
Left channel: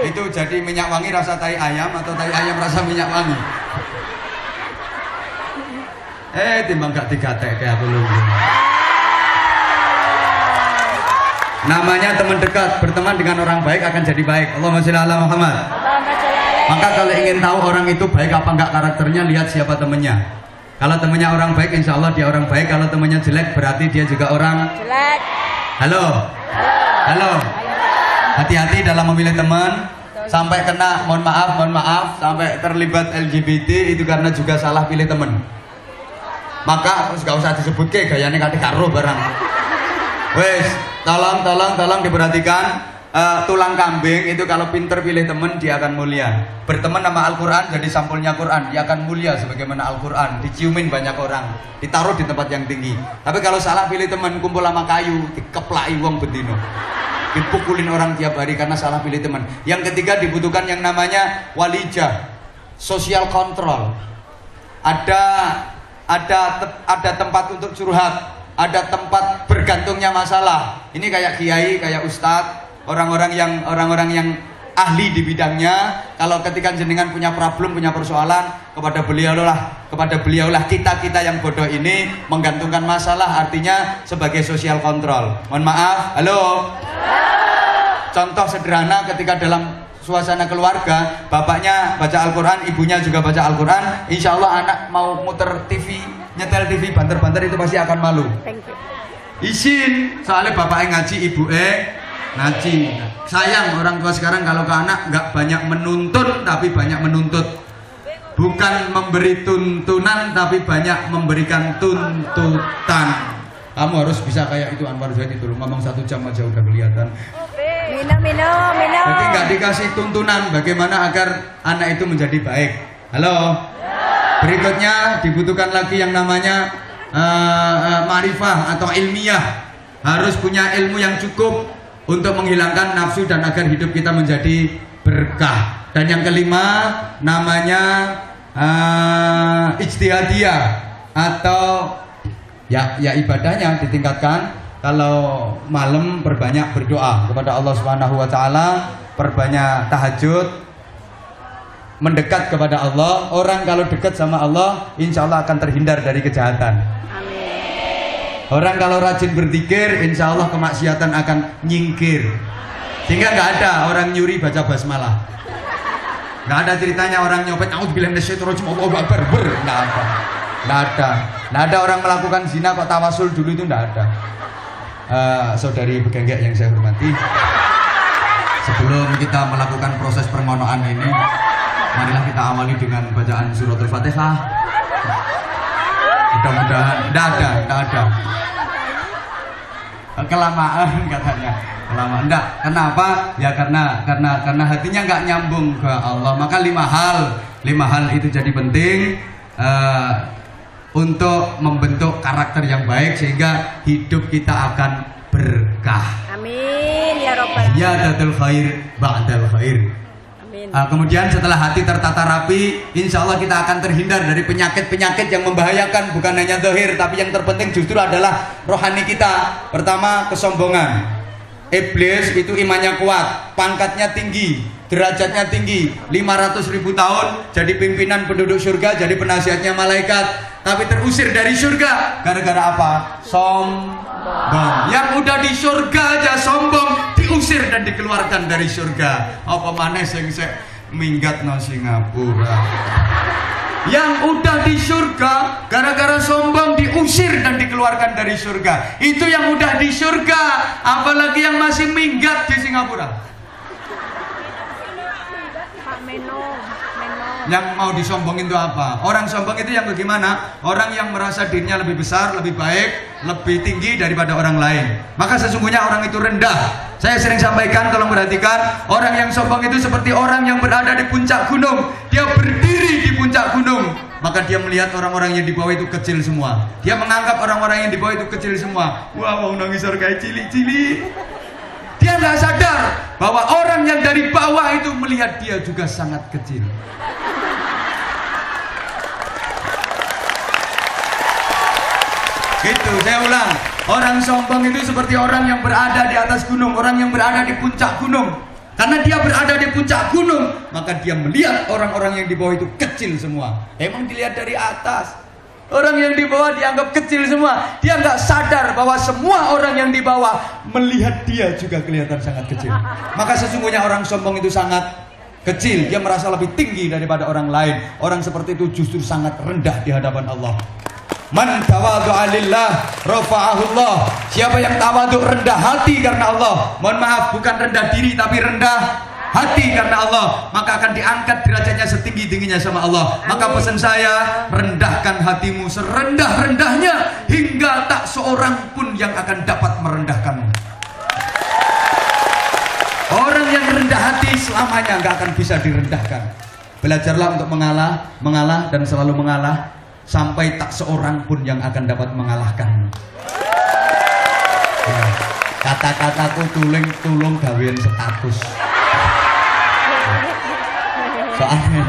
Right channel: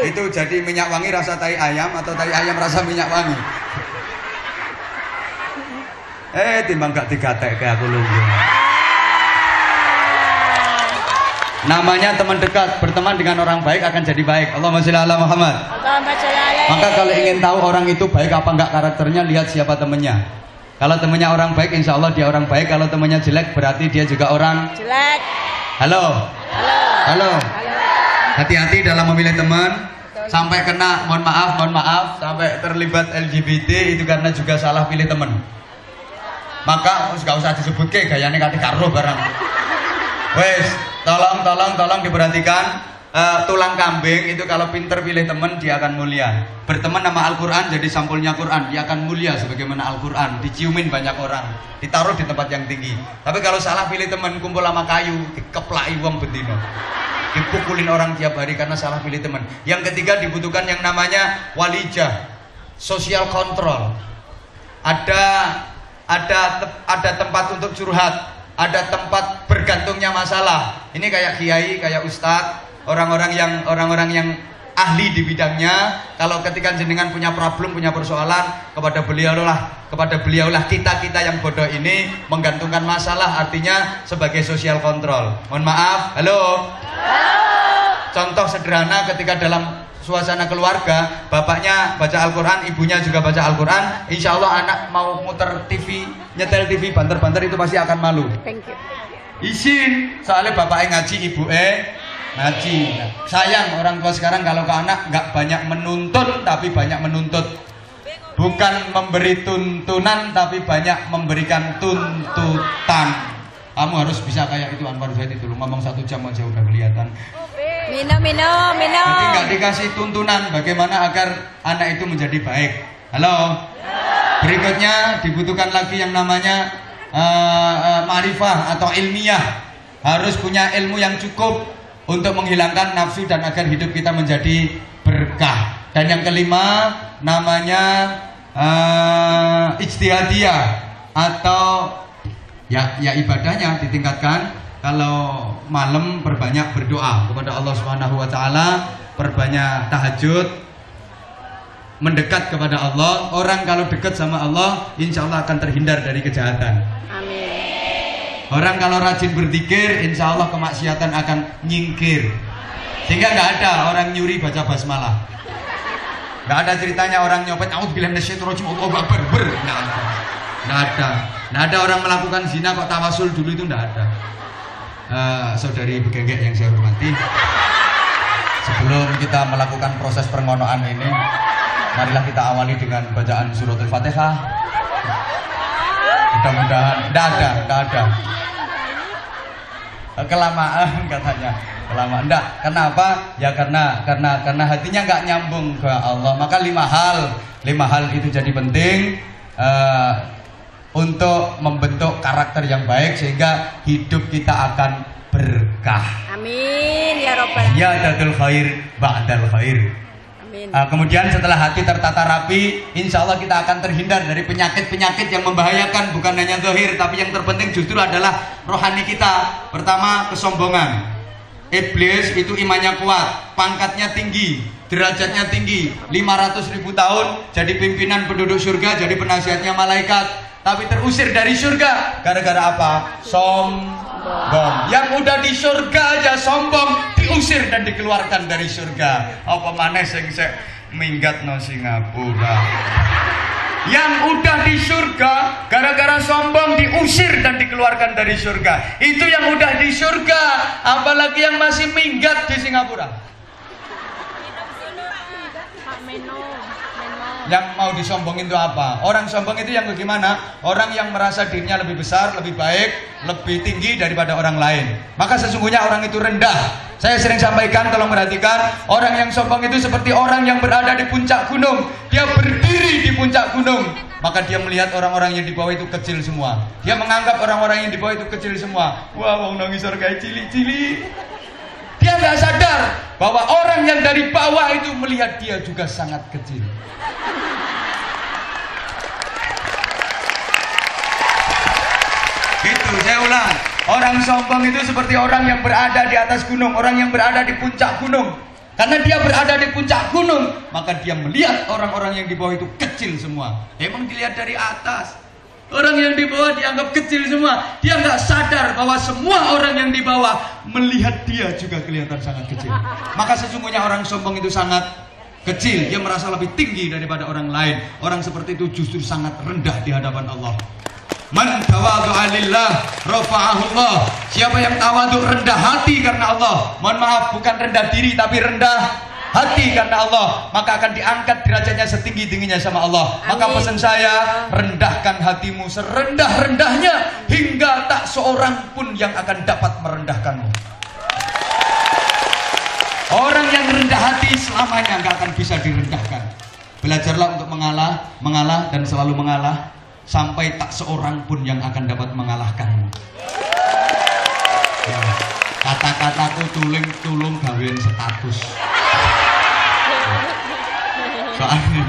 itu jadi minyak wangi rasa tai ayam atau tai ayam rasa minyak wangi? Timbang gak digatek kayak aku lungguh. Namanya teman dekat, berteman dengan orang baik akan jadi baik. Allahumma sholli ala Muhammad. Maka kalau ingin tahu orang itu baik apa enggak karakternya, lihat siapa temennya. Kalau temennya orang baik, insya Allah dia orang baik. Kalau temennya jelek, berarti dia juga orang jelek. Halo. Halo. Hati-hati dalam memilih teman. Sampai kena, mohon maaf, sampai terlibat LGBT itu karena juga salah pilih teman. Maka gak usah disebut ke gayanya kate karo barang. Wes, tolong diperhatikan. Tulang kambing itu kalau pinter pilih teman dia akan mulia. Berteman sama Al-Quran jadi sampulnya Quran, dia akan mulia sebagaimana Al-Quran. Diciumin banyak orang, ditaruh di tempat yang tinggi. Tapi kalau salah pilih teman, kumpul sama kayu, dikeplaki wong bedino, dipukulin orang tiap hari karena salah pilih teman. Yang ketiga dibutuhkan yang namanya walijah, social control. Ada tempat untuk curhat, ada tempat bergantungnya masalah. Ini kayak kiai, kayak ustadz, orang-orang yang ahli di bidangnya. Kalau ketika jenengan punya problem, punya persoalan, kepada beliaulah kita yang bodoh ini menggantungkan masalah, artinya sebagai social control. Mohon maaf, halo. Contoh sederhana ketika dalam suasana keluarga, bapaknya baca Al-Quran, ibunya juga baca Al-Quran, insya Allah anak mau muter TV, nyetel TV, banter-banter itu pasti akan malu. Izin, soalnya bapaknya ngaji, ibu ngaji. Sayang orang tua sekarang kalau ke anak nggak banyak menuntun tapi banyak menuntut. Bukan memberi tuntunan tapi banyak memberikan tuntutan. Kamu harus bisa kayak itu Anwar Zaid itu, ngomong 1 jam aja udah kelihatan. Minum. Jadi nggak dikasih tuntunan bagaimana agar anak itu menjadi baik. Halo. Berikutnya dibutuhkan lagi yang namanya ma'rifah atau ilmiah. Harus punya ilmu yang cukup untuk menghilangkan nafsu dan agar hidup kita menjadi berkah. Dan yang kelima namanya ijtihadiyah atau ya ibadahnya ditingkatkan. Kalau malam perbanyak berdoa kepada Allah Subhanahu wa taala, perbanyak tahajud, mendekat kepada Allah. Orang kalau dekat sama Allah, insya Allah akan terhindar dari kejahatan. Orang kalau rajin berzikir, insya Allah kemaksiatan akan nyingkir. Sehingga nggak ada orang nyuri baca basmalah. Nggak ada ceritanya orang nyopet, kamu bilang nasyaitonirrajim, Allahu Akbar, nggak ada orang melakukan zina kok tawasul dulu, itu nggak ada. Saudari begenggek yang saya hormati, sebelum kita melakukan proses permohonan ini, marilah kita awali dengan bacaan suratul Fatihah. Mudah-mudahan tidak ada kelamaan katanya, kelamaan. Enggak, kenapa? Ya karena hatinya nggak nyambung ke Allah. Maka lima hal itu jadi penting untuk membentuk karakter yang baik sehingga hidup kita akan berkah. Amin ya robbal alamin. Ya dadul khair ba'dal khair. Kemudian setelah hati tertata rapi, insya Allah kita akan terhindar dari penyakit-penyakit yang membahayakan, bukan hanya zahir, tapi yang terpenting justru adalah rohani kita. Pertama, kesombongan. Iblis itu imannya kuat, pangkatnya tinggi, derajatnya tinggi, 500.000 tahun jadi pimpinan penduduk surga, jadi penasihatnya malaikat, tapi terusir dari surga gara-gara apa? Sombong. Yang udah di surga aja sombong, diusir dan dikeluarkan dari surga. Apa maneh sing minggat nang Singapura. Yang udah di surga gara-gara sombong diusir dan dikeluarkan dari surga. Itu yang udah di surga, apalagi yang masih minggat di Singapura. Yang mau disombongin itu apa? Orang sombong itu yang bagaimana? Orang yang merasa dirinya lebih besar, lebih baik, lebih tinggi daripada orang lain. Maka sesungguhnya orang itu rendah. Saya sering sampaikan, tolong perhatikan, orang yang sombong itu seperti orang yang berada di puncak gunung. Dia berdiri di puncak gunung, maka dia melihat orang-orang yang di bawah itu kecil semua. Dia menganggap orang-orang yang di bawah itu kecil semua. Wah, mau nangis surga cili-cili. Dia nggak sadar bahwa orang yang dari bawah itu melihat dia juga sangat kecil. Gitu, saya ulang. Orang sombong itu seperti orang yang berada di atas gunung, orang yang berada di puncak gunung. Karena dia berada di puncak gunung, maka dia melihat orang-orang yang di bawah itu kecil semua. Emang dilihat dari atas. Orang yang di bawah dianggap kecil semua. Dia nggak sadar bahwa semua orang yang di bawah melihat dia juga kelihatan sangat kecil. Maka sesungguhnya orang sombong itu sangat kecil. Dia merasa lebih tinggi daripada orang lain. Orang seperti itu justru sangat rendah di hadapan Allah. Man tawadhu'a lillah rafa'ahullah. Siapa yang tawadhu, rendah hati karena Allah. Mohon maaf, bukan rendah diri tapi rendah hati karena Allah, maka akan diangkat derajatnya setinggi-tingginya sama Allah. Maka pesan saya, rendahkan hatimu serendah-rendahnya hingga tak seorang pun yang akan dapat merendahkanmu. Orang yang rendah hati selamanya nggak akan bisa direndahkan. Belajarlah untuk mengalah dan selalu mengalah sampai tak seorang pun yang akan dapat mengalahkanmu. Kata-kataku tulung gawean status. Soalnya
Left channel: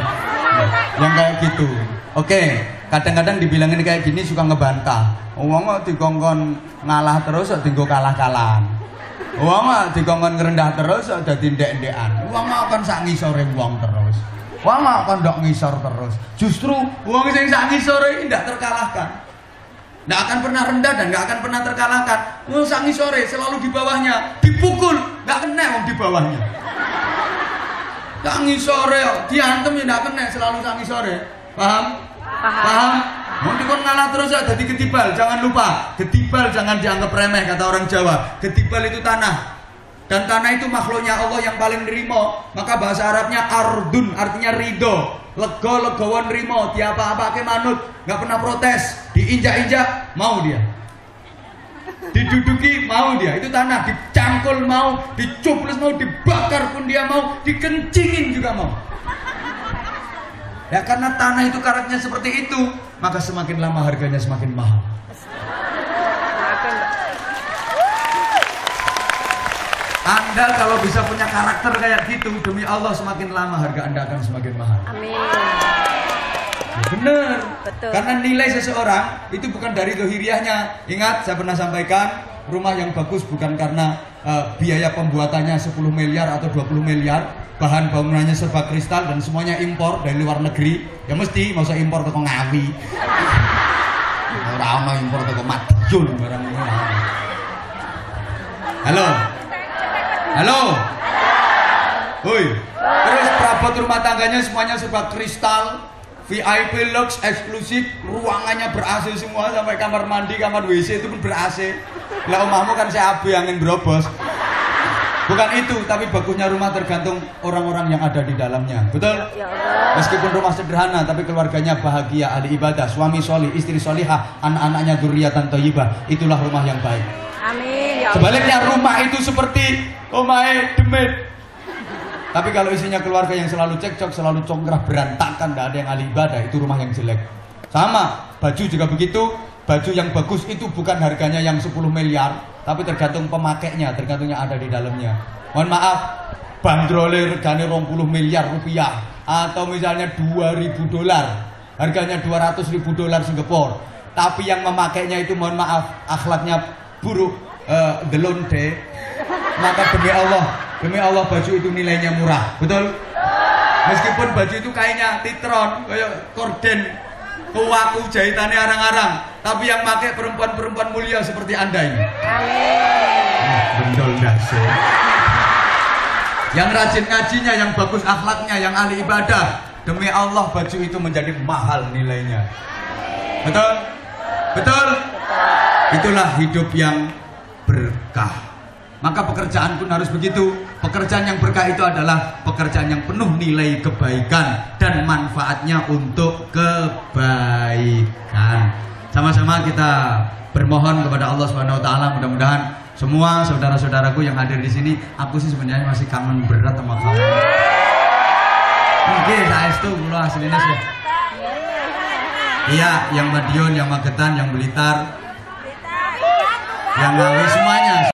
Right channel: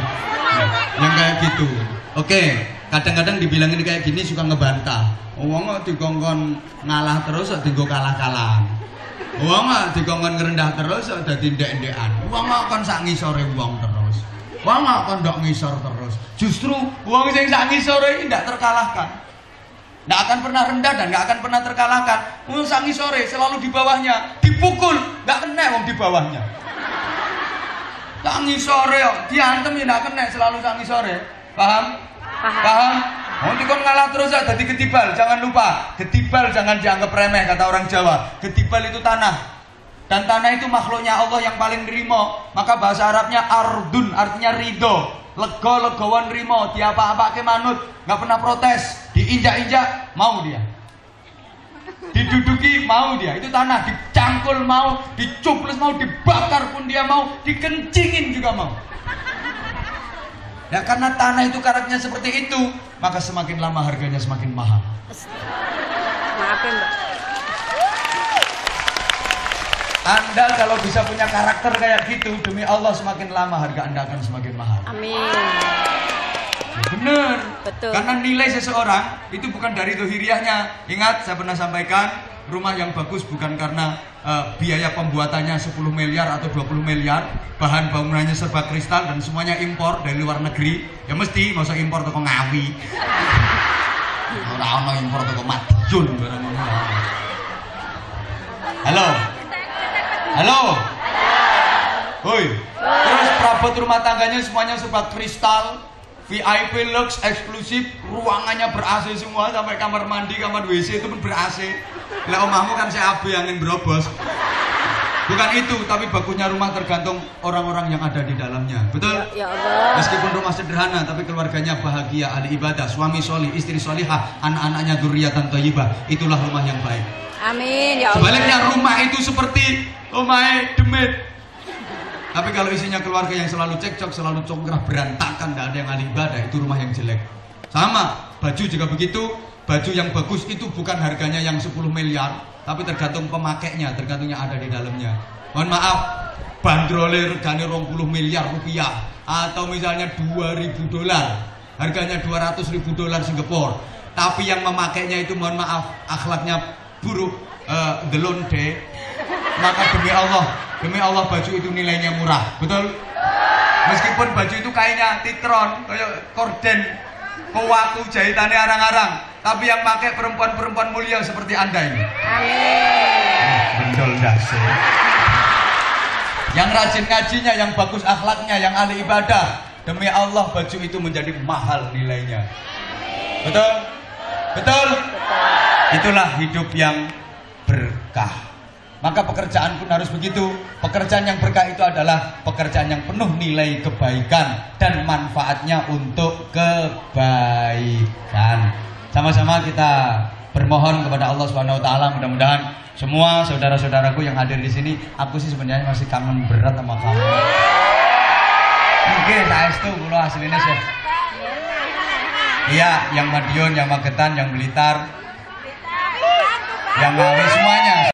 yang kayak gitu. Oke, kadang-kadang dibilangin kayak gini suka ngebantah. Wong dikongkon ngalah terus dienggo kalah-kalahan. Wong dikongkon ngerendah terus dadi ndek-ndekan. Wong kon sak ngisore wong terus. Wong kon ndok ngisor terus. Justru wong sing sak ngisore ini ndak terkalahkan. Nggak akan pernah rendah dan nggak akan pernah terkalahkan. Wong sak ngisore selalu di bawahnya, dipukul nggak kena wong di bawahnya. Tangi sore, diantem ya nggak kena, selalu tangi sore. Paham? Paham? Mau dikon ngalah terus ya, jadi ketibal. Jangan lupa, ketibal jangan dianggap remeh kata orang Jawa. Ketibal itu tanah, dan tanah itu makhluknya Allah yang paling nerimo. Maka bahasa Arabnya ardun, artinya ridho. Lego-legoan rimo, diapa-apa ke manut, nggak pernah protes. Diinjak-injak mau dia, diduduki mau dia, itu tanah. Dicangkul mau, dicuples mau, dibakar pun dia mau, dikencingin juga mau. Ya karena tanah itu karakternya seperti itu, maka semakin lama harganya semakin mahal. Anda kalau bisa punya karakter kayak gitu, demi Allah semakin lama harga Anda akan semakin mahal. Amin. Benar. Betul. Karena nilai seseorang itu bukan dari dohiriahnya. Ingat, saya pernah sampaikan, rumah yang bagus bukan karena biaya pembuatannya 10 miliar atau 20 miliar, bahan bangunannya serba kristal dan semuanya impor dari luar negeri. Ya mesti nggak usah impor ke Ngawi. Lama impor ke Madiun barang ini. Halo. Halo. Woi. Terus perabot rumah tangganya semuanya serba kristal. VIP lux eksklusif, ruangannya ber-AC semua sampai kamar mandi, kamar WC itu pun ber-AC. Lah omahmu kan saya AB angin berobos. Bukan itu, tapi bagusnya rumah tergantung orang-orang yang ada di dalamnya. Betul? Ya Allah. Meskipun rumah sederhana, tapi keluarganya bahagia, ahli ibadah, suami solih, istri solihah, anak-anaknya dzurriatan thayyibah. Itulah rumah yang baik. Amin. Ya Allah. Sebaliknya rumah itu seperti rumah demit. Tapi kalau isinya keluarga yang selalu cekcok, selalu congkrah, berantakan, tidak ada yang ahli ibadah, itu rumah yang jelek. Sama, baju juga begitu. Baju yang bagus itu bukan harganya yang 10 miliar, tapi tergantung pemakainya, tergantung yang ada di dalamnya. Mohon maaf, bandrolnya regane 20 miliar rupiah, atau misalnya 2.000 dolar, harganya 200.000 dolar Singapura. Tapi yang memakainya itu mohon maaf, akhlaknya buruk, delonde. Maka demi Allah baju itu nilainya murah, betul? Meskipun baju itu kainnya titron, kayak korden, kuaku jahitannya arang-arang, tapi yang pakai perempuan-perempuan mulia seperti Anda ini. Bendol nasi. Yang rajin ngajinya, yang bagus akhlaknya, yang ahli ibadah, demi Allah baju itu menjadi mahal nilainya. Betul? Betul? Itulah hidup yang berkah. Maka pekerjaan pun harus begitu. Pekerjaan yang berkah itu adalah pekerjaan yang penuh nilai kebaikan dan manfaatnya untuk kebaikan. Sama-sama kita bermohon kepada Allah Subhanahu wa taala, mudah-mudahan semua saudara-saudaraku yang hadir di sini, aku sih sebenarnya masih kangen berat sama kamu. Mungkin saestu kula asline sih. Iya, yang Madiun, yang Magetan, yang Blitar, yang Ngawi semuanya.